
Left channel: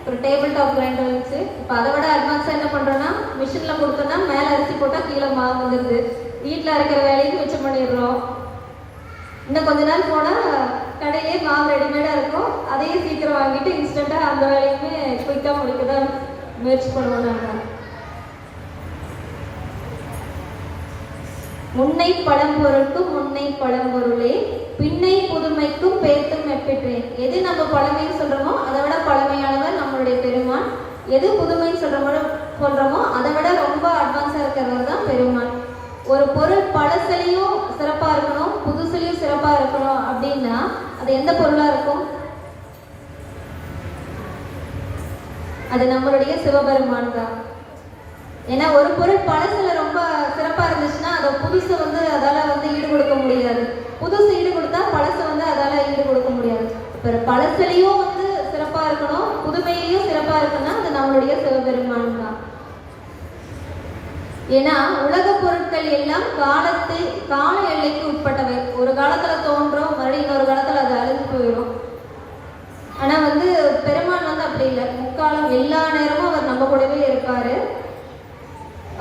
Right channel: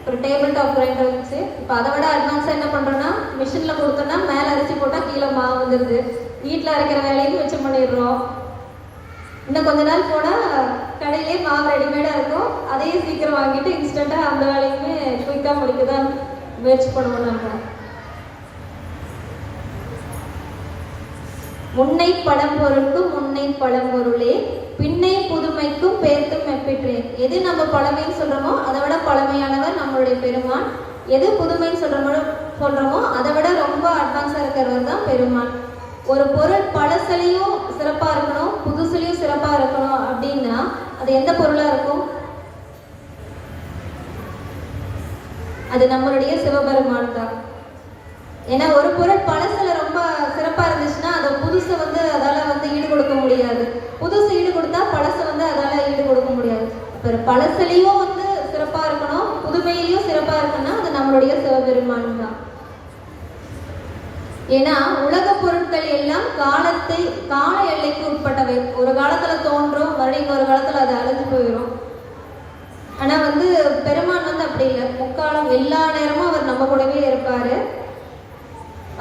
ஒரு டேபிள் டாப் கிரைண்டர் இருந்துச்சு. இப்போ அதை விட அட்வான்ஸாக என்ன பண்ணுறோன்னா மிஷினில் கொடுத்தோன்னா மேலே அரிசி போட்டால் கீழே மாவு வந்துடுது. வீட்டில் அரைக்கிற வேலைக்கு மிச்சம் பண்ணிடுறோம். இன்னும் கொஞ்ச நாள் போனால் கடையிலே மாவு ரெடிமேடாக இருக்கும், அதையும் சீக்கிரம் வாங்கிட்டு இன்ஸ்டண்ட்டாக அந்த வேலைக்குமே குயிக்காக முடிக்க தான் முயற்சி பண்ணுவோம். நம்ம முன்னை பழம்பொருளுக்கு முன்னை பழம்பொருளே பின்னை புதுமைக்கும் பேர்த்தும் எப்பிற்றேன். எது நம்ம பழமைன்னு சொல்றோமோ அதை விட பழமையானவர் நம்மளுடைய பெருமான். எது புதுமைன்னு சொல்றோமோ அதை விட ரொம்ப அட்வான்ஸா இருக்கிறவர் தான் பெருமான். ஒரு பொருள் பழசுலையும் சிறப்பா இருக்கணும், புதுசுலையும் சிறப்பா இருக்கணும் அப்படின்னா அது எந்த பொருளா இருக்கும்? அது நம்மளுடைய சிவபெருமான் தான். ஏன்னா ஒரு பொருள் பழசுல ரொம்ப சிறப்பா இருந்துச்சுன்னா அதை புதுசை அதால ஈடு கொடுக்க முடியாது. புதுசு ஈடு கொடுத்தா பழசை அதால ஈடு கொடுக்க முடியாது. இப்போ பழசுலையும் சிறப்பா இருக்கணும், புதுமையிலையும் சிறப்பா இருக்குன்னா அது நம்மளுடைய சிவபெருமான் தான். ஏன்னா உலக பொருட்கள் எல்லாம் கால எல்லைக்கு உட்பட்டவை. ஒரு காலத்துல தோன்றும், மறுபடியும் இன்னொரு காலத்துல அது அழிஞ்சு போயிடும். ஆனா பெருமான் அப்படி இல்லை. முக்காலம் எல்லா நேரமும் அவர் நம்ம கூடவே இருப்பாரு.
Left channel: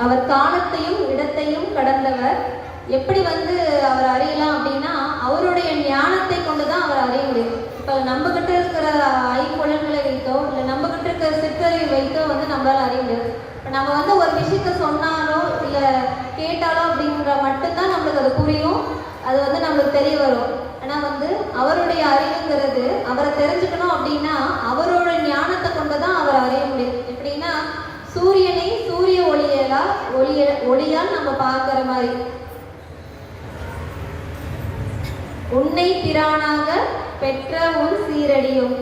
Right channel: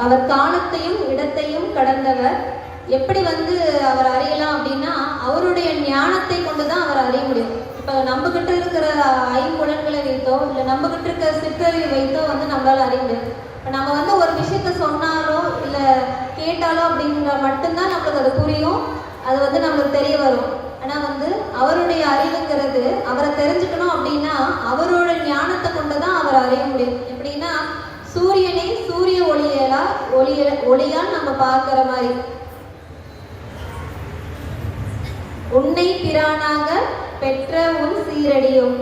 அவர் காலத்தையும் இடத்தையும் கடந்தவர். எப்படி அவர் அறியலாம் அப்படின்னா அவருடைய ஞானத்தை கொண்டுதான் அவர் அறிய முடியும். இப்ப நம்ம கிட்ட இருக்கிற ஐம்புலன்களை வைத்தோ இல்ல நம்ம கிட்ட இருக்கிற சிற்றலை வைத்தோ நம்மளால அறிய முடியாது. நம்ம ஒரு விஷயத்த சொன்னாலோ இல்ல கேட்டாலோ அப்படிங்கிற மட்டும்தான் நம்மளுக்கு அது புரியும், அது நம்மளுக்கு தெரிய வரும். ஆனா அவருடைய அறிவுங்கிறது அவரை தெரிஞ்சுக்கணும் அப்படின்னா அவரோட ஞானத்தை கொண்டுதான் அவர் அறிய முடியும். எப்படின்னா சூரியனை சூரிய ஒளியால் நம்ம பார்க்கிற மாதிரி. உன்னை பிரானாக பெற்ற உன் சீரடியும்.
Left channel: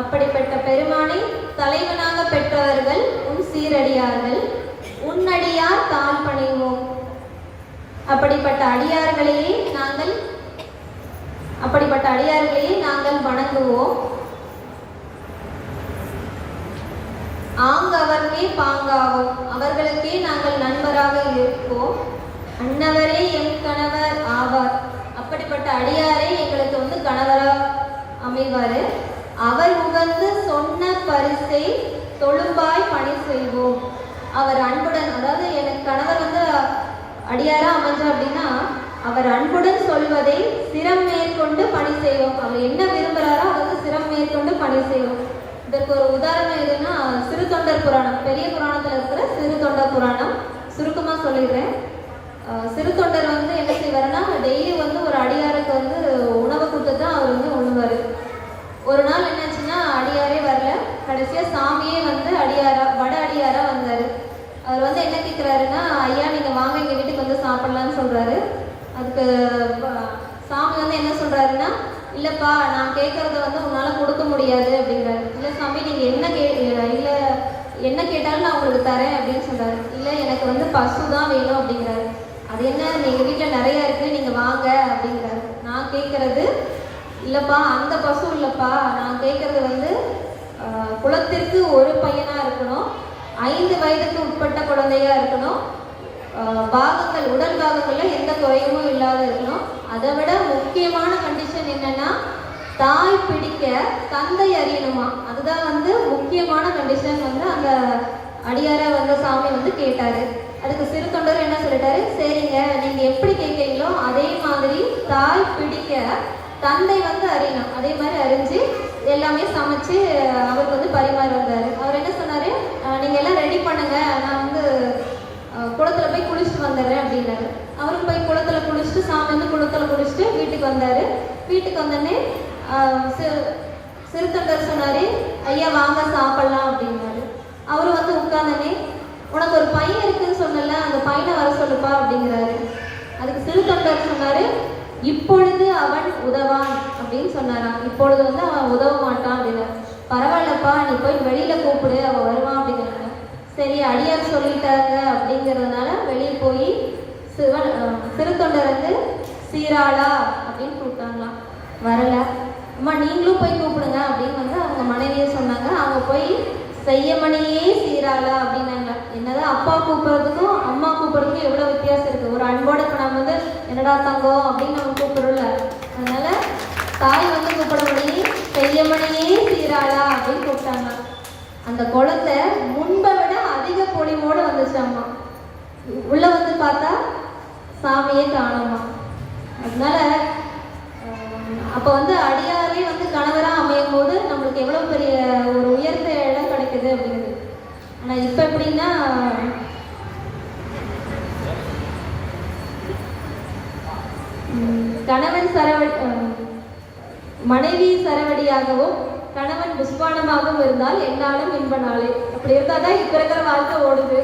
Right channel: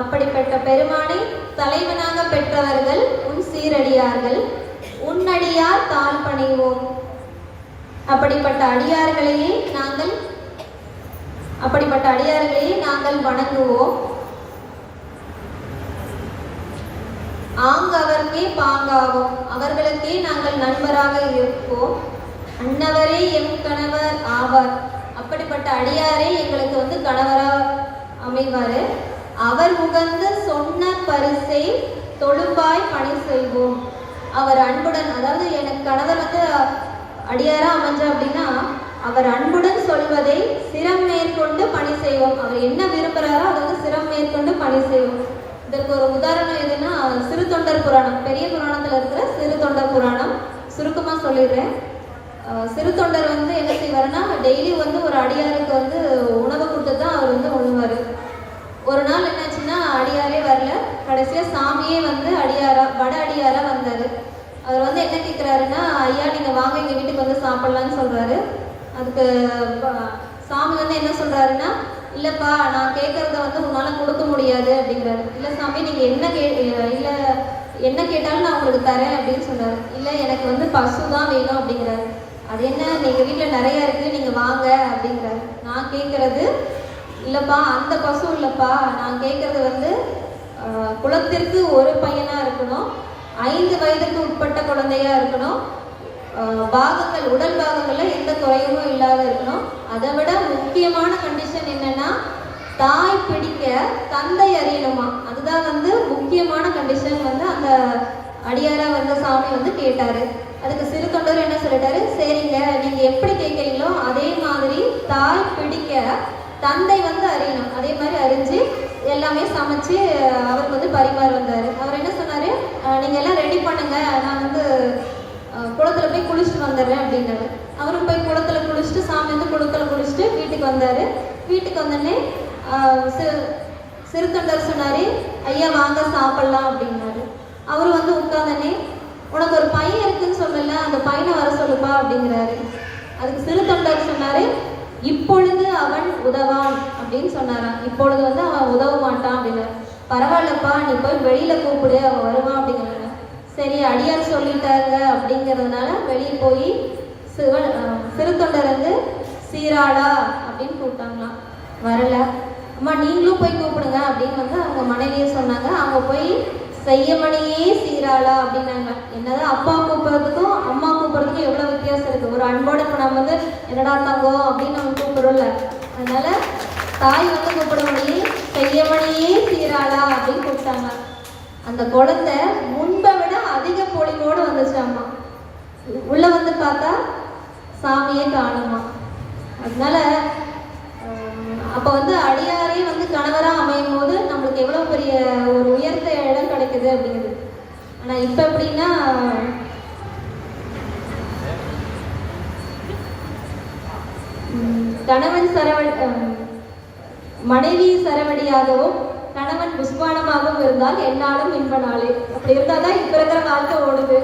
அப்படிப்பட்ட பெருமானை தலைவனாக பெற்றவர்கள் உன் சீரடியார்கள். உன்னடியார் தாழ் பணிவோம். அப்படிப்பட்ட அடியார்களையே நாங்கள் வணங்குவோம். அவர்க்கே பாங்காவோம். அவர்களுக்கே நாங்கள் நண்பராக இருப்போம். அன்னவரே எம் கணவர் ஆவார். அப்படிப்பட்ட அடியாரே எங்களுக்கு கணவரா அமைவாரு. அவர் உகந்து சொன்ன பரிசை தொழும்பாய் பணி செய்வோம். அவர் அன்புடன், அதாவது எனக்கு கணவர் அடியாரா அமைஞ்சா அப்படின்னா அவர் அன்புடன் சொல்வதை சிரம் மேற்கொண்டு பணி செய்வோம். அவர் என்ன விரும்புகிறாரோ அதாவது சிரம் மேற்கொண்டு பணி செய்வோம். இதற்கு ஒரு உதாரணம் எதுன்னா சிறு தொண்டர் புராணம். பெரிய புராணத்துல இருக்கிற சிறு தொண்டர் புராணம் சுருக்கமா சொல்லிடுறேன். சிறு தொண்டர் என்ன செய்வாருன்னா டெய்லி ஒரு அடியாருக்கு உணவை கொடுத்து தான் அவர் உழுவாரு. ஒரு நாள் என்னாச்சுன்னா அடியாரே வரல. கடைசியா சாமியே வட அடியாரா வந்தாரு. அவர் என்ன கேட்கிறாருன்னா, ஐயா நீங்க வாங்க எங்க வீட்டுக்கு சாப்பிடலாம்னு சொல்றாரு. அதுக்கு சாமி என்ன சொல்றாருன்னா, இல்லப்பா நான் கேட்கறத உன்னால கொடுக்க முடியாது அப்படிங்கிறாரு. இல்ல சாமி நீங்க என்ன கேட்டாலும் நான் உங்களுக்கு தரேன் அப்படின்னு சொல்றாரு. இல்ல எனக்கு பசு தான் வேணும் அப்படிங்கிறாரு. அது என்ன, நீங்க வீட்டுல நிறைய இருக்கு, நீங்க வாங்க அப்படிங்கிறாரு. நான் கேட்கறது இல்லப்பா அந்த பசு இல்லப்பா, நான் கேட்கறது குலத்திற்கு ஒரு பையனா இருக்கணும், 5 வயதுக்கு உட்பட்ட குழந்தையா இருக்கணும், உடல் பாகங்கள்ல எந்த குறையுமும் இல்லாத இருக்கணும். அதை விட முக்கியமான கண்டிஷன் என்னன்னா தாய் பிடிக்க தந்தை அறியணுமா. அதுதான் முக்கியமான கண்டிஷன் அந்த அடியாரா சாமி கேட்டாரு. அதுக்கு சிறு தொண்டர் என்ன சொல்லிட்டாரு, சரிங்க நீங்க எப்படி கேட்கறீங்களோ அதே மாதிரி தாய் பிடிக்க தந்தை அறியணும். அதே மாதிரி அறிஞ்சு எல்லாமே சமைச்சு அவருக்கு பரிமாற வந்தாரு. அவர் என்ன சொன்னாரு, நீங்க எல்லாம் ரெடி பண்ணுங்க, நான் குளத்துல போய் குளிச்சுட்டு வந்துடுறேன் அப்படின்னாரு. அவரும் போய் குளத்துல குளிச்சுட்டு சாமி குளத்துல குளிச்சுட்டு வீட்டுக்கு வந்தாரு. வீட்டுக்கு வந்தோடனே சிறு தொண்டர் சொன்னாரு, ஐயா வாங்க சாப்பிடலாம் அப்படின்னாரு. அவரு உட்கார்ந்தனே, உனக்கு ஒரு பையன் இருக்குன்னு சொன்னல, அந்த பையனை வர சொல்லுப்பா அப்படிங்கிறாரு. அதுக்கு சிறு தொண்டர் சொன்னாரு, இப்பொழுது அவன் உதவான் அப்படின்னு சொன்னாராம். இப்பொழுது அவன் உதவ மாட்டான் அப்படின்னாரு. பரவாயில்லப்பா நீ போய் வெளியில கூப்பிடு, அவன் வருவான் அப்படிங்கிறாங்க. சரி அடியார் சொல்லிட்டாங்க அப்படிங்கிறதுனால வெளியே போய் சிறு தொண்டர் சீராளா அப்படின்னு கூப்பிட்டாங்களாம். வரல. அம்மா நீங்களும் போய் கூப்பிடுங்க அப்படின்னு அவங்க மனைவியை சொன்னாங்க. அவங்க போய் செய்யமணியே சீராளா அப்படின்னாங்க. என்னதான் அப்பா கூப்பிடுறதுக்கும் அம்மா கூப்பிடுறதுக்கும் எவ்வளவு வித்தியாசம் இருக்கு. ஒரு அன்போட இப்போ நம்ம என்னடா தங்கம் அப்படின்னு நம்ம கூப்பிடுறோம்ல, அதனால தாய் கூப்பிட முடியே செய்யமணியே சீராளா அப்படின்னு கூப்பிட்டாங்க. அந்த குழந்தை முன்பை விட அதிக பொலிவோடு வந்துச்சு. அம்மா உள்ள பார்த்தா சாமியே காணுமா. அதனால அப்போ அடியாரே கணவரா அமையும் போது நம்மளுக்கு எவ்வளவு பெரிய ஒரு உயர்ந்த இடம் கிடைக்குது அப்படிங்கிறது. ஆனா இப்ப எப்படின்னா கணவன் மனைவி சரவடியாகவும் கணவன் புஷ்பானமாகவும் இருந்தால் என்னாலும் இன்ப நாளே. அப்படி இருந்தாதான் இப்ப இருக்கிற வாழ்க்கை ஓடுது.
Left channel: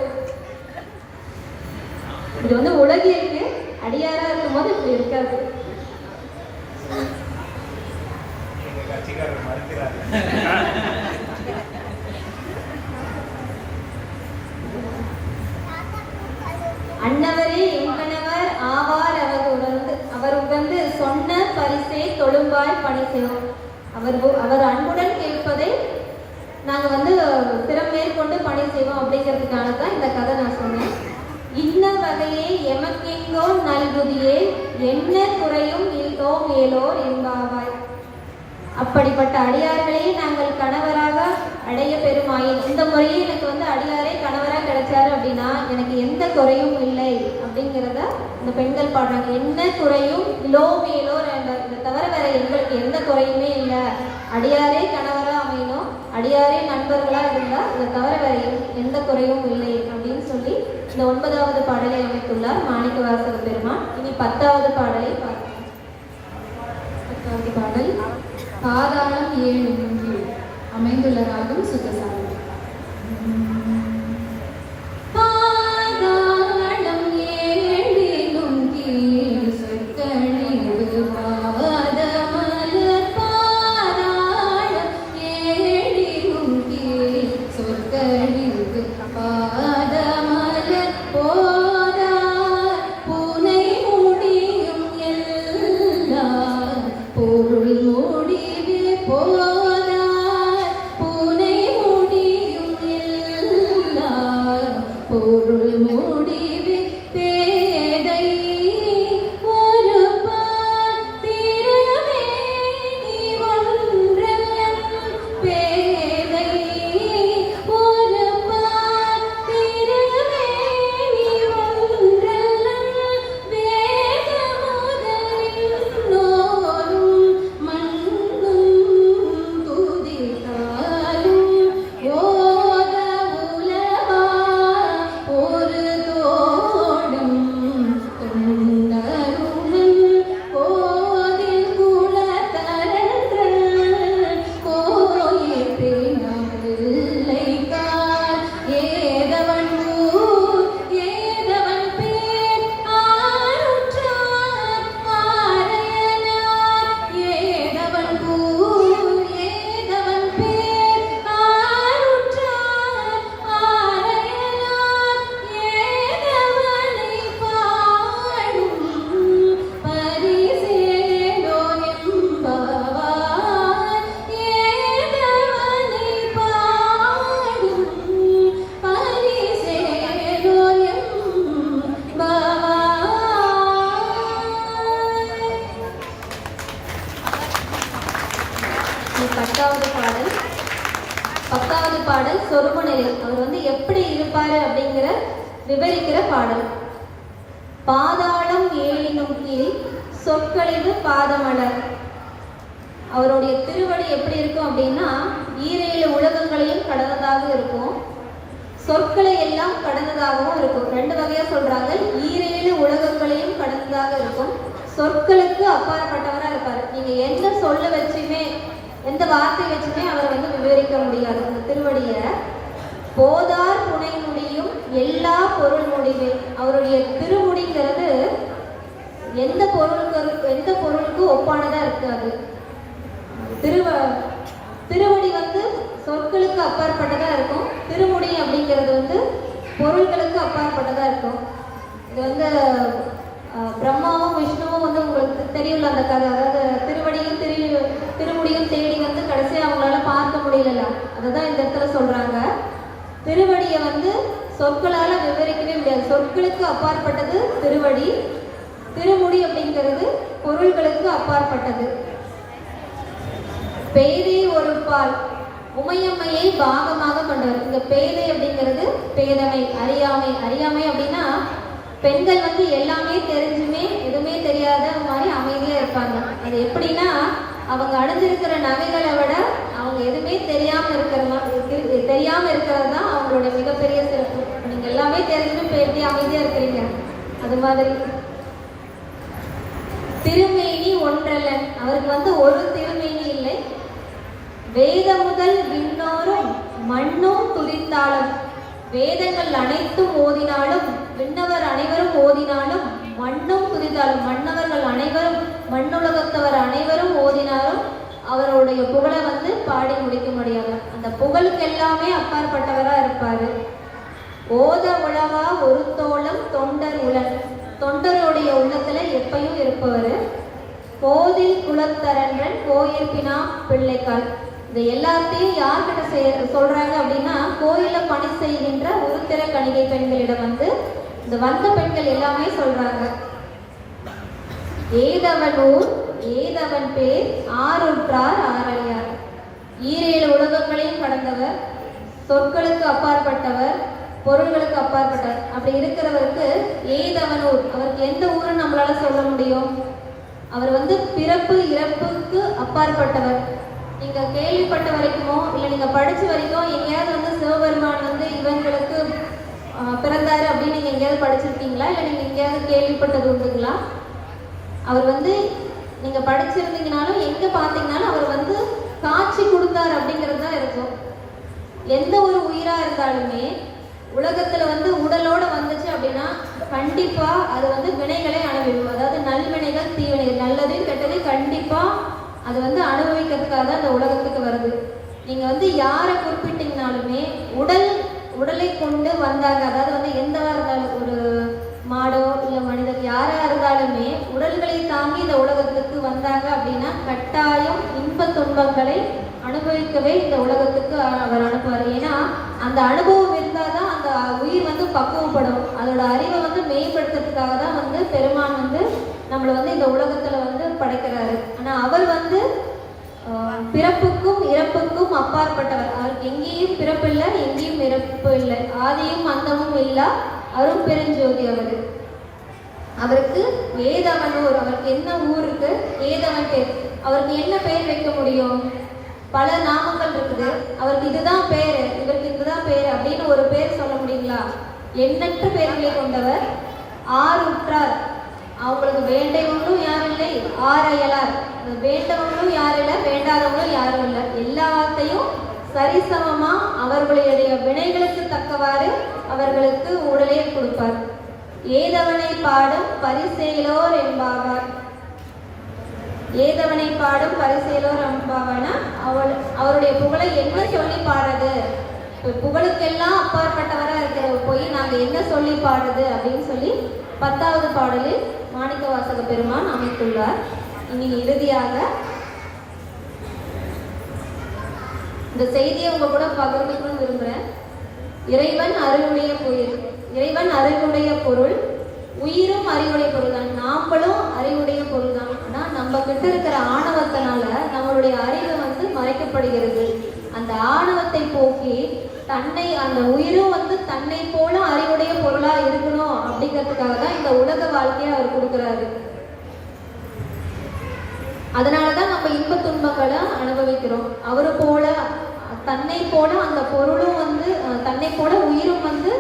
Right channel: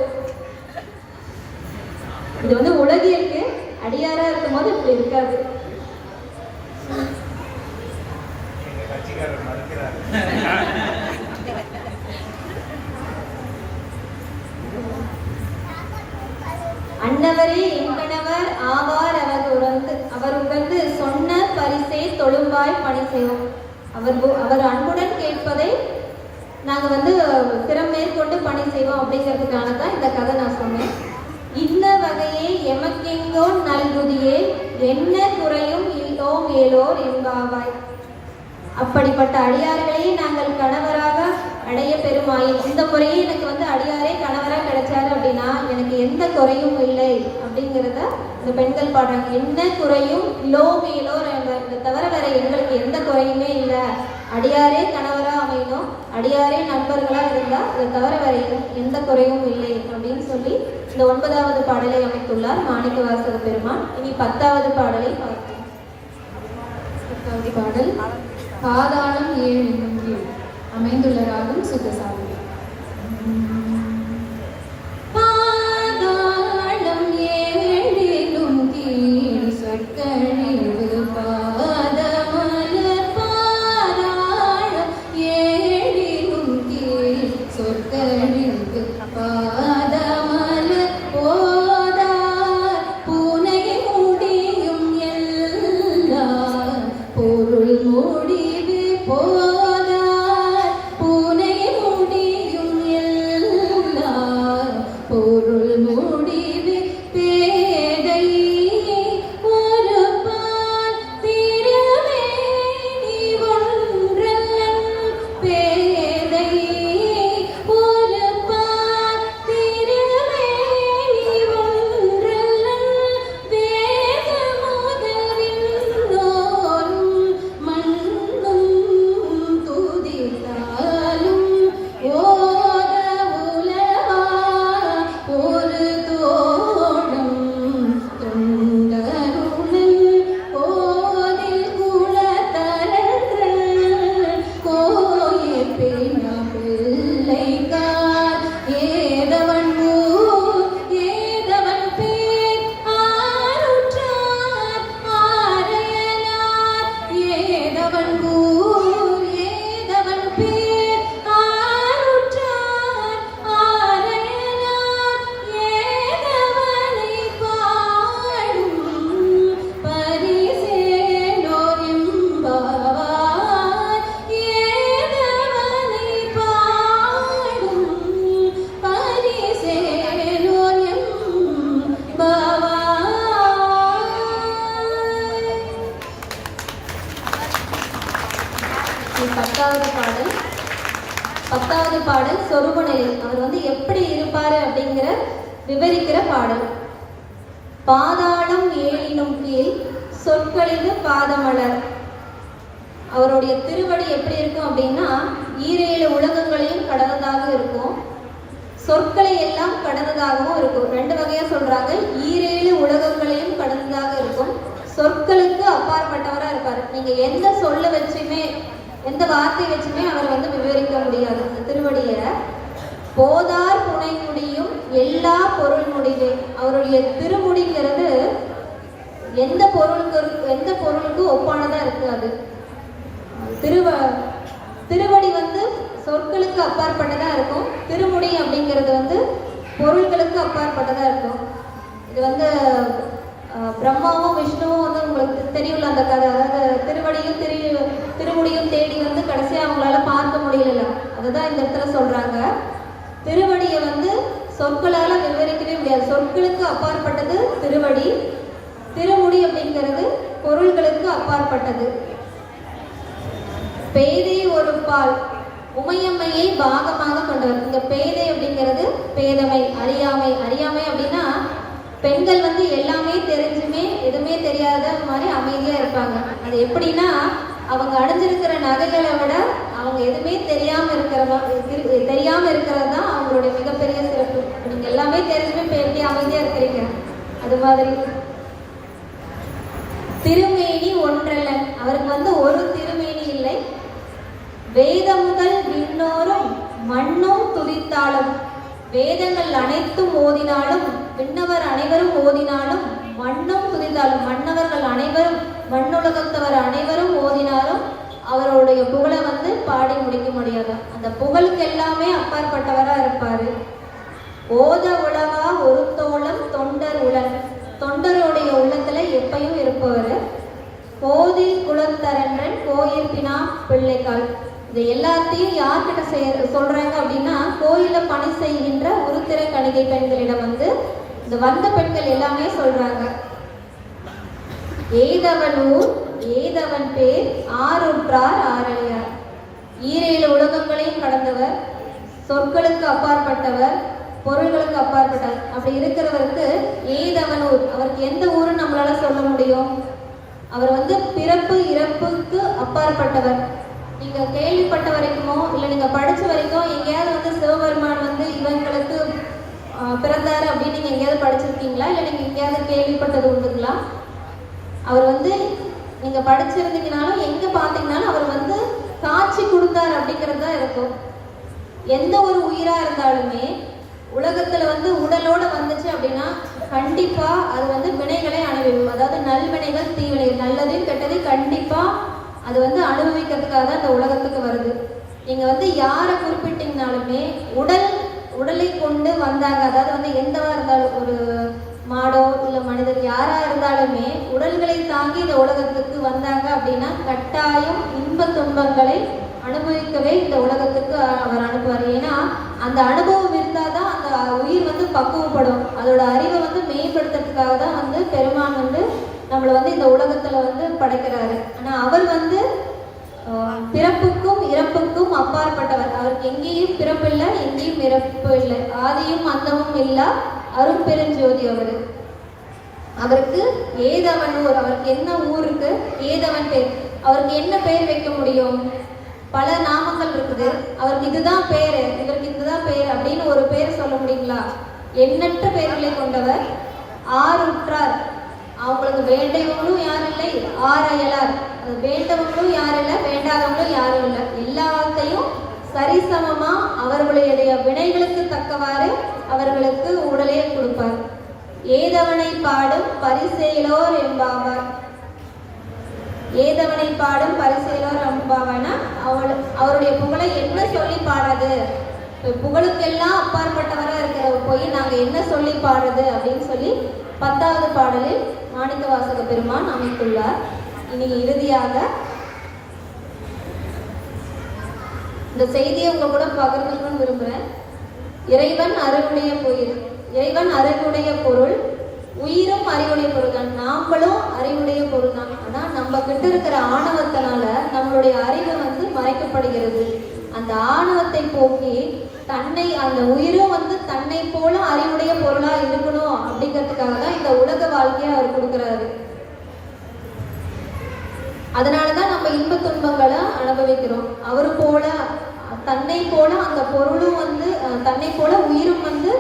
இது வந்து உலகிற்கு அடியாரா இருக்கும் போது இப்படி இருக்காது. அன்னவரே எங்கனவர் ஆவார் அவர் உகந்து சொன்ன பரிசே தொழும்பாய் பணி செய்வோம். அவர் அன்புடன் கேட்பதை நாங்க வந்து திறம் மேற்கொண்டு பணி செய்வோம் அப்படிங்கிறதுக்காக தான் இந்த கதை நான் சொன்னேன். இன்ன வகையே எமக்கெங்கோ நல்குதியே என்ன குறையும் இல்லோம் ஏலோர் என்பாவாய். அப்படிப்பட்ட அடியார்களே நாங்கள் கணவராக அடைய பெருமாயின். இந்த முறையே எனக்கு வந்து அடியாரே கணவராக கிடைச்சாரு அப்படின்னா எனக்கு எந்த குறையும் இல்லை அப்படிங்கிறத இந்த பெண்கள் பாடுறாங்க. என்ன குறையும் லோ மேலோர் இதை தவிர வேற எங்களுக்கு எந்த குறையுமே இல்லை. அடியாரே கணவரா அமையணும், அடியாரே நண்பர்களா இருந்தா இதை தவிர வேற எந்த குறையும் இல்லை அப்படின்னு சொல்லி இந்த 9வது பாடலை அமைத்துள்ளார் மாணிக்கவாசக பெருமான். இனி 10வது பாடலை பார்க்கலாம். 10வது பாடல் பாதாளம் 7 என்னும் கீழ் அமைந்துள்ள ராகம் சுத்தசாமி. விவரிக்கிற பாடல். பாதாளம் 7 கீழ் சொற்களிடு பாதமலர். அவருடைய திருவடி எப்படி இருக்கும் அப்படின்னா 7 உலகங்களையும் கடந்ததாக இருக்கும், சொற்களை எல்லாம் கடந்ததாகவும் இருக்கும். 2 வகையா சொல்றாங்க. 7 உலகங்களையும் கடந்ததாக இருக்கும், சொற்களுக்கு அப்பாற்பட்டவரா இருப்பாரு. நீங்க எந்த சொல்ல வச்சுமே எந்த வார்த்தை வச்சுமே அவரை வந்து விவரிக்க முடியாது. அந்த திருவடிய போதார் புனை முடியும் எல்லா பொருள் முடிவே. அவருடைய திருமுடிங்கிறது எந்த பொருளுக்கு ஒப்பானதா இருக்காது. திருவடி வந்து சொற்களுக்கு அப்பாற்பட்டதா இருக்கும், திருமுடி அப்படிங்கிறது வந்து பொருள்களுக்கு அப்பாற்பட்டதா இருக்கும். இது வந்து பிரம்மாவும் விஷ்ணுவும் வந்து உங்களுக்கு தெரியும்ல அந்த கதை. அதாவது திருவடியும் திருமுடியும் தேடி வந்து கடைசியா அவங்களால பார்க்க முடியல. அதுதான் இந்த இடத்துல சொல்றாங்க. திருவடியை வந்து சொற்களால விவரிக்கவே முடியாது. சொற்களுக்கு அப்பாற்பட்டது திருவடி, திருமுடி அப்படிங்கிறது பொருள்களுக்கு அப்பாற்பட்டது. பேதை ஒரு பால் உமையம்மையை பாகமாக கொண்டவர். இந்த பேதை அப்படிங்கிறது பேதமை, அறியாமை. அறியாமை அப்படின்னா பெண்கள் வந்து எல்லாமே தெரிஞ்சுமே எதுவுமே தெரியாத மாதிரி அமைதியா இருப்பாங்க. அது எப்படின்னா அவங்க அடைஞ்சிருக்கிற நகைகளை விட அவங்க எதுவுமே தெரியாம இருக்கிறது தான் அவங்களுடைய மிகப்பெரிய சிறப்பு. நீங்க எல்லாமே தெரிஞ்சுட்டு எப்படி அமைதியா இருக்கிறீங்க அது மாதிரி. திருமேனி ஒன்றல்ல, அவருக்கு வந்து ஒரு திருமேனி இல்லை. வேத முதல் விண்ணோரும் மண்ணும் துதித்தாலும், வேதங்கள் அனைத்தும் ஓதினாலும், விண்ணவர் அனைவரும் ஓதினாலும், மண்ணும் துதித்தாலும், மன்னவர்கள் அனைவரும், மண்ணுலகத்தவர் அனைவரும் ஓதினாலும் அவருடைய புகழை வந்து பாடி முடிக்க முடியாது. அந்த புகழுக்கு எல்லாமே அப்பாற்பட்டவரா இருப்பாரு. ஓத உளவா ஒரு தோளம் தொண்டர் உலர், தொண்டருடைய உள்ளத்துல எப்பயும் இருப்பவர். கோதில் குலத்தரன்றன் கோயிற்பினா பிள்ளைக்கால், இது எல்லாத்தையும் யார்கிட்ட சொல்றாங்க அப்படின்னா, கோயில பணி செய்கின்ற உருத்திர கணிகை பெண்களிடம் வந்து இந்த வந்த பெண்கள் எல்லாமே சொல்றாங்க. ஏதவன் ஊர் ஏதவன் பேர் ஆருற்றார் ஆரணியார், ஈரேழு உலகங்களையும் கடந்தவர், சொற்களுக்கு அப்பாற்பட்டவர், பொருள்களுக்கு அப்பாற்பட்டவர். அப்படி இருக்கிறவருக்கு ஏதவன் ஊர், அவருக்கு எந்த ஊருன்னு நம்மளால சொல்ல முடியும்? அவர் வந்து பிறப்பு இறப்புக்கு அப்பாற்பட்டவர். நீங்க கேள்விப்பட்ட வரைக்குமோ இல்லை நீங்க படிச்ச வரைக்கும் எங்கேயாவது வந்து சிவபெருமான் வந்து இவங்களுக்கு பிறந்தாரு அப்படின்னு நீங்க எங்கேயாவது படிச்சிருக்கீங்களா? இல்லை நீங்க எங்கேயாவது கேள்விப்பட்டது உண்டுங்களா? அவர் வந்து நீங்க படிச்சிருந்தீங்கனாலும் எங்க பார்த்தீங்கன்னாலும் அவர் வந்து காட்சி கொடுத்தார் அப்படிங்கிறது தான் இருக்கும். எந்த ஒரு உயிரா இருந்தாலுமே உலகத்துல வந்து உடலோட வந்துச்சு அப்படின்னா கண்டிப்பா அது வந்து வினைகளை அனுபவிக்கும். அதாவது நல்வினைகள் தீவினைகள், நல்லதையும் கெட்டதையும் கண்டிப்பா அது வந்து அனுபவிக்கிறதுக்காக தான் இந்த உலகத்துக்கு வருது. நீங்க வந்து யாரை குறிப்பிட்டீங்கனாலுமே உடலை கொண்டு வந்தாங்க. அதாவது வந்து எந்தவா இருந்தாலும், ஒரு மாடோ இல்லை மனிதர் யாரா இருந்தாலுமே உடல்களை தாங்கி இந்த உலகத்துக்கு வந்தாங்க அப்படின்னா கட்டாயம் இன்ப துன்பங்களை அனுபவிக்கவே இந்த உலகத்துக்கு அவர் அனுப்புவார். ஏன்னா அந்த அனுபவம் இருந்தாதான் அந்த உயிர் வந்து பக்குவப்படும். அதோட அறிவை வந்து மேம்படுத்துறதுக்காக தான் வந்து பெருமான் வந்து நம்மளை வந்து இந்த உலகத்துல வந்து படைக்கிறாரு. ஆனா அவர் வந்து பிறப்புக்கும் இறப்புக்கும் அப்பாற்பட்டவர். அவருக்கு எங்கேயும் பிறப்பு இல்லை, எங்கேயும் இறப்பு இல்லை, ஆதியும் அந்தமும் இல்லா அருள் பெருஞ்சோதி அவரு. அவருக்கு ஏதவன் ஊர், அவருக்கு என்ன ஊர் இருக்கு? ஏதவன் பேர். அவருக்கு என்ன பெயர் வைக்க முடியும்? பல நாமங்கள் இருக்குது. அவருக்கு இதுதான் பேரு, இவருக்கு இதுதான் பேர் அப்படின்னு ஒரு பேர் சொல்ல முடியுங்களா? எண்ணற்ற பெயர்களை கொண்டவர். ஆருற்றார், அவங்களுக்கு வேண்டவங்களும் யாரும் இல்லை, ஆரையலார், வேண்டவங்களும் யாரும் இல்லை, வேண்டாதவங்களும் யாரும் இல்லை. எல்லாத்தையும் சரிசமமா அவர்களுடைய வினைகளுக்கு தக்கவாறு அவர்களுக்கு உடலையே கொடுப்பார். ஏதவனை பாடும் பரிசெயலோர் என்பாவார். ஏதவனை பாடும் பரிசெயலோர் என்பாவானா அவருடைய புகழை என்ன சொல்லி பாடுறது? புகழுக்கெல்லாம் அப்பாற்பட்டவரா இருக்கிற போய் நாங்க என்ன சொல்லி பாடுறது அப்படின்னு சொல்லி 10வது பாடலில் மாணிக்கவாசக பெருமான் அமைத்துள்ளார். இனி இறுதியாக இந்த செய்தியை உங்க கூட பகிர்ந்துக்கணும்னு விரும்புறேன். இறைவன் அருளுடைய கோயில், இறைவன் அறிவுடைய பொருள், உயிரும் அறிவுடைய பொருள் தான், நாமளும் அறிவுடைய பொருள் தான். ஆனா நம்ம கிட்ட இருக்கிற ஆணவத்தினால நம்மளுடைய அறிவு வந்து மறைக்கப்படுகிறது. அந்த ஆணவத்தை போக்கி தன்னை, அந்த உயிரும் வந்து தன்னை போல அறிவுடைய பொருளா இருக்கணும் அப்படிங்கிறதுக்காக தான் இந்த உலக வாழ்க்கையை அவர் கொடுக்கிறாரு. அதனாலதான் நம்ம இன்ப துன்பங்களை அனுபவிக்கிறோம். அவரு போல தன்னை போல அந்த பொருளும் வந்து தன்னை போல உயிரும் வந்து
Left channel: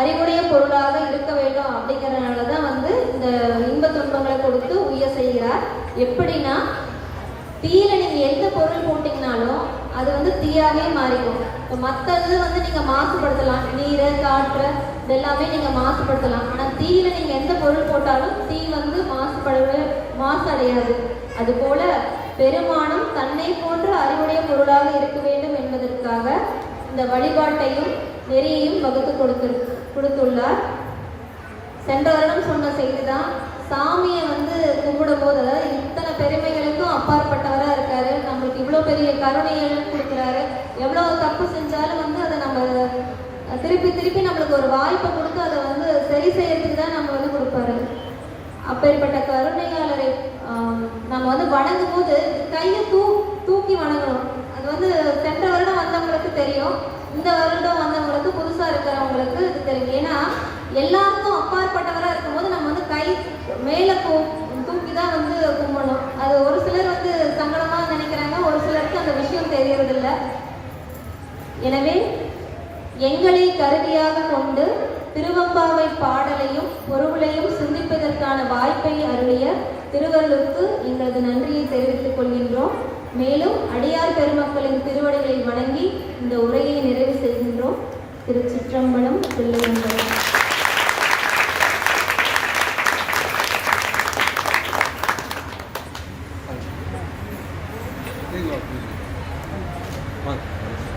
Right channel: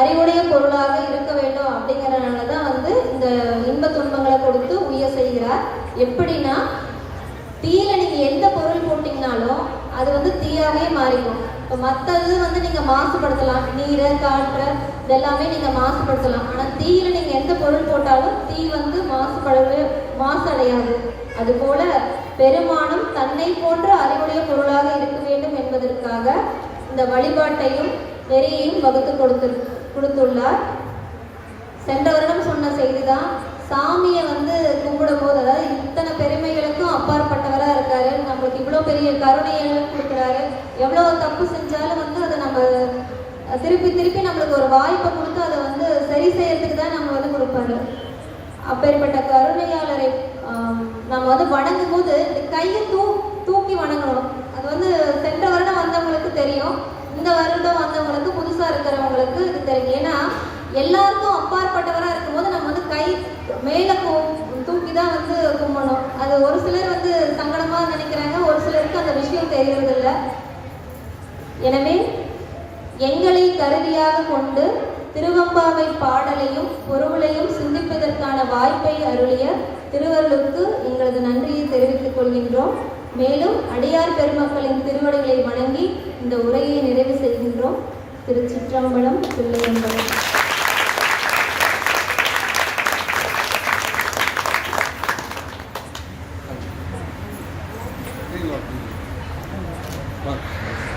அறிவுடைய பொருளாக இருக்க வேண்டும் அப்படிங்கறதுனாலதான் வந்து இந்த இன்ப துன்பங்களை கொடுத்து உய செய்கிறார். எப்படின்னா, தீயில நீங்க எந்த பொருள் போட்டீங்கனாலும் அது வந்து தீயாவே மாறிடும். இப்போ மற்றது வந்து நீங்க மாசுபடுத்தலாம், நீரை காற்று இதெல்லாமே நீங்க மாசுபடுத்தலாம். ஆனா தீயில நீங்க எந்த பொருள் போட்டாலும் தீ வந்து மாசடையாது. அது போல பெருமானும் தன்னை போன்ற அறிவுடைய பொருளாக இருக்க வேண்டும் என்பதற்காக இந்த வழிபாட்டையும் நெறியையும் வகுத்து கொடுத்துள்ளார். சென்ற வருடம் சொன்ன செய்திதான், சாமியை வந்து கும்பிடும் போது, அதாவது இத்தனை பெருமைகளுக்கும் அப்பாற்பட்டவரா இருக்காரு, நம்மளுக்கு இவ்வளவு பெரிய கருணையெல்லாம் கொடுக்குறாரு, எவ்வளவு தப்பு செஞ்சாலும் வந்து அதை நம்ம திருப்பி நம்மளுக்கு ஒரு வாய்ப்பை கொடுத்து அதை வந்து சரி செய்யறதுக்கு தான் நம்ம வந்து கொடுப்பாரு. அப்பேற்பட்ட கருணையாளரை நம்ம வந்து வணங்கும் போது கையை தூக்கி வணங்கணும். அது வந்து சென்ற வருடம் வந்தவங்களுக்கு தெரியும், இந்த வருடம் வந்தவங்களுக்கு புதுசா இருக்கிறவங்களுக்கு இது தெரியும். ஏன்னா எல்லாருக்கும் அப்பாற்பட்டவரா இருக்கும்போது நம்ம வந்து கை மேல தூக்கி தான் வந்து கும்பணும். அது ஒரு சிலர் வந்து சங்கடமா நினைக்கிறாங்க, ஒரு சிலருக்கு அந்த விஷயம் தெரியறதில்லை. எனவே எங்களை கருவியாக கொண்டு திருவம்பாவை பாடலையும் பொருளையும் சிந்திப்பதற்கான வாய்ப்பை அருளிய திருவருளுக்கு எங்களது நன்றியை தெரிவித்துக் கொள்கின்றோம். மேலும் அடியார் பெருமக்களின் திருவடிகளை வணங்கி இந்த உரையை நிறைவு செய்கின்றோம். திருச்சிற்றம்பலம், தில்லையம்பலம்.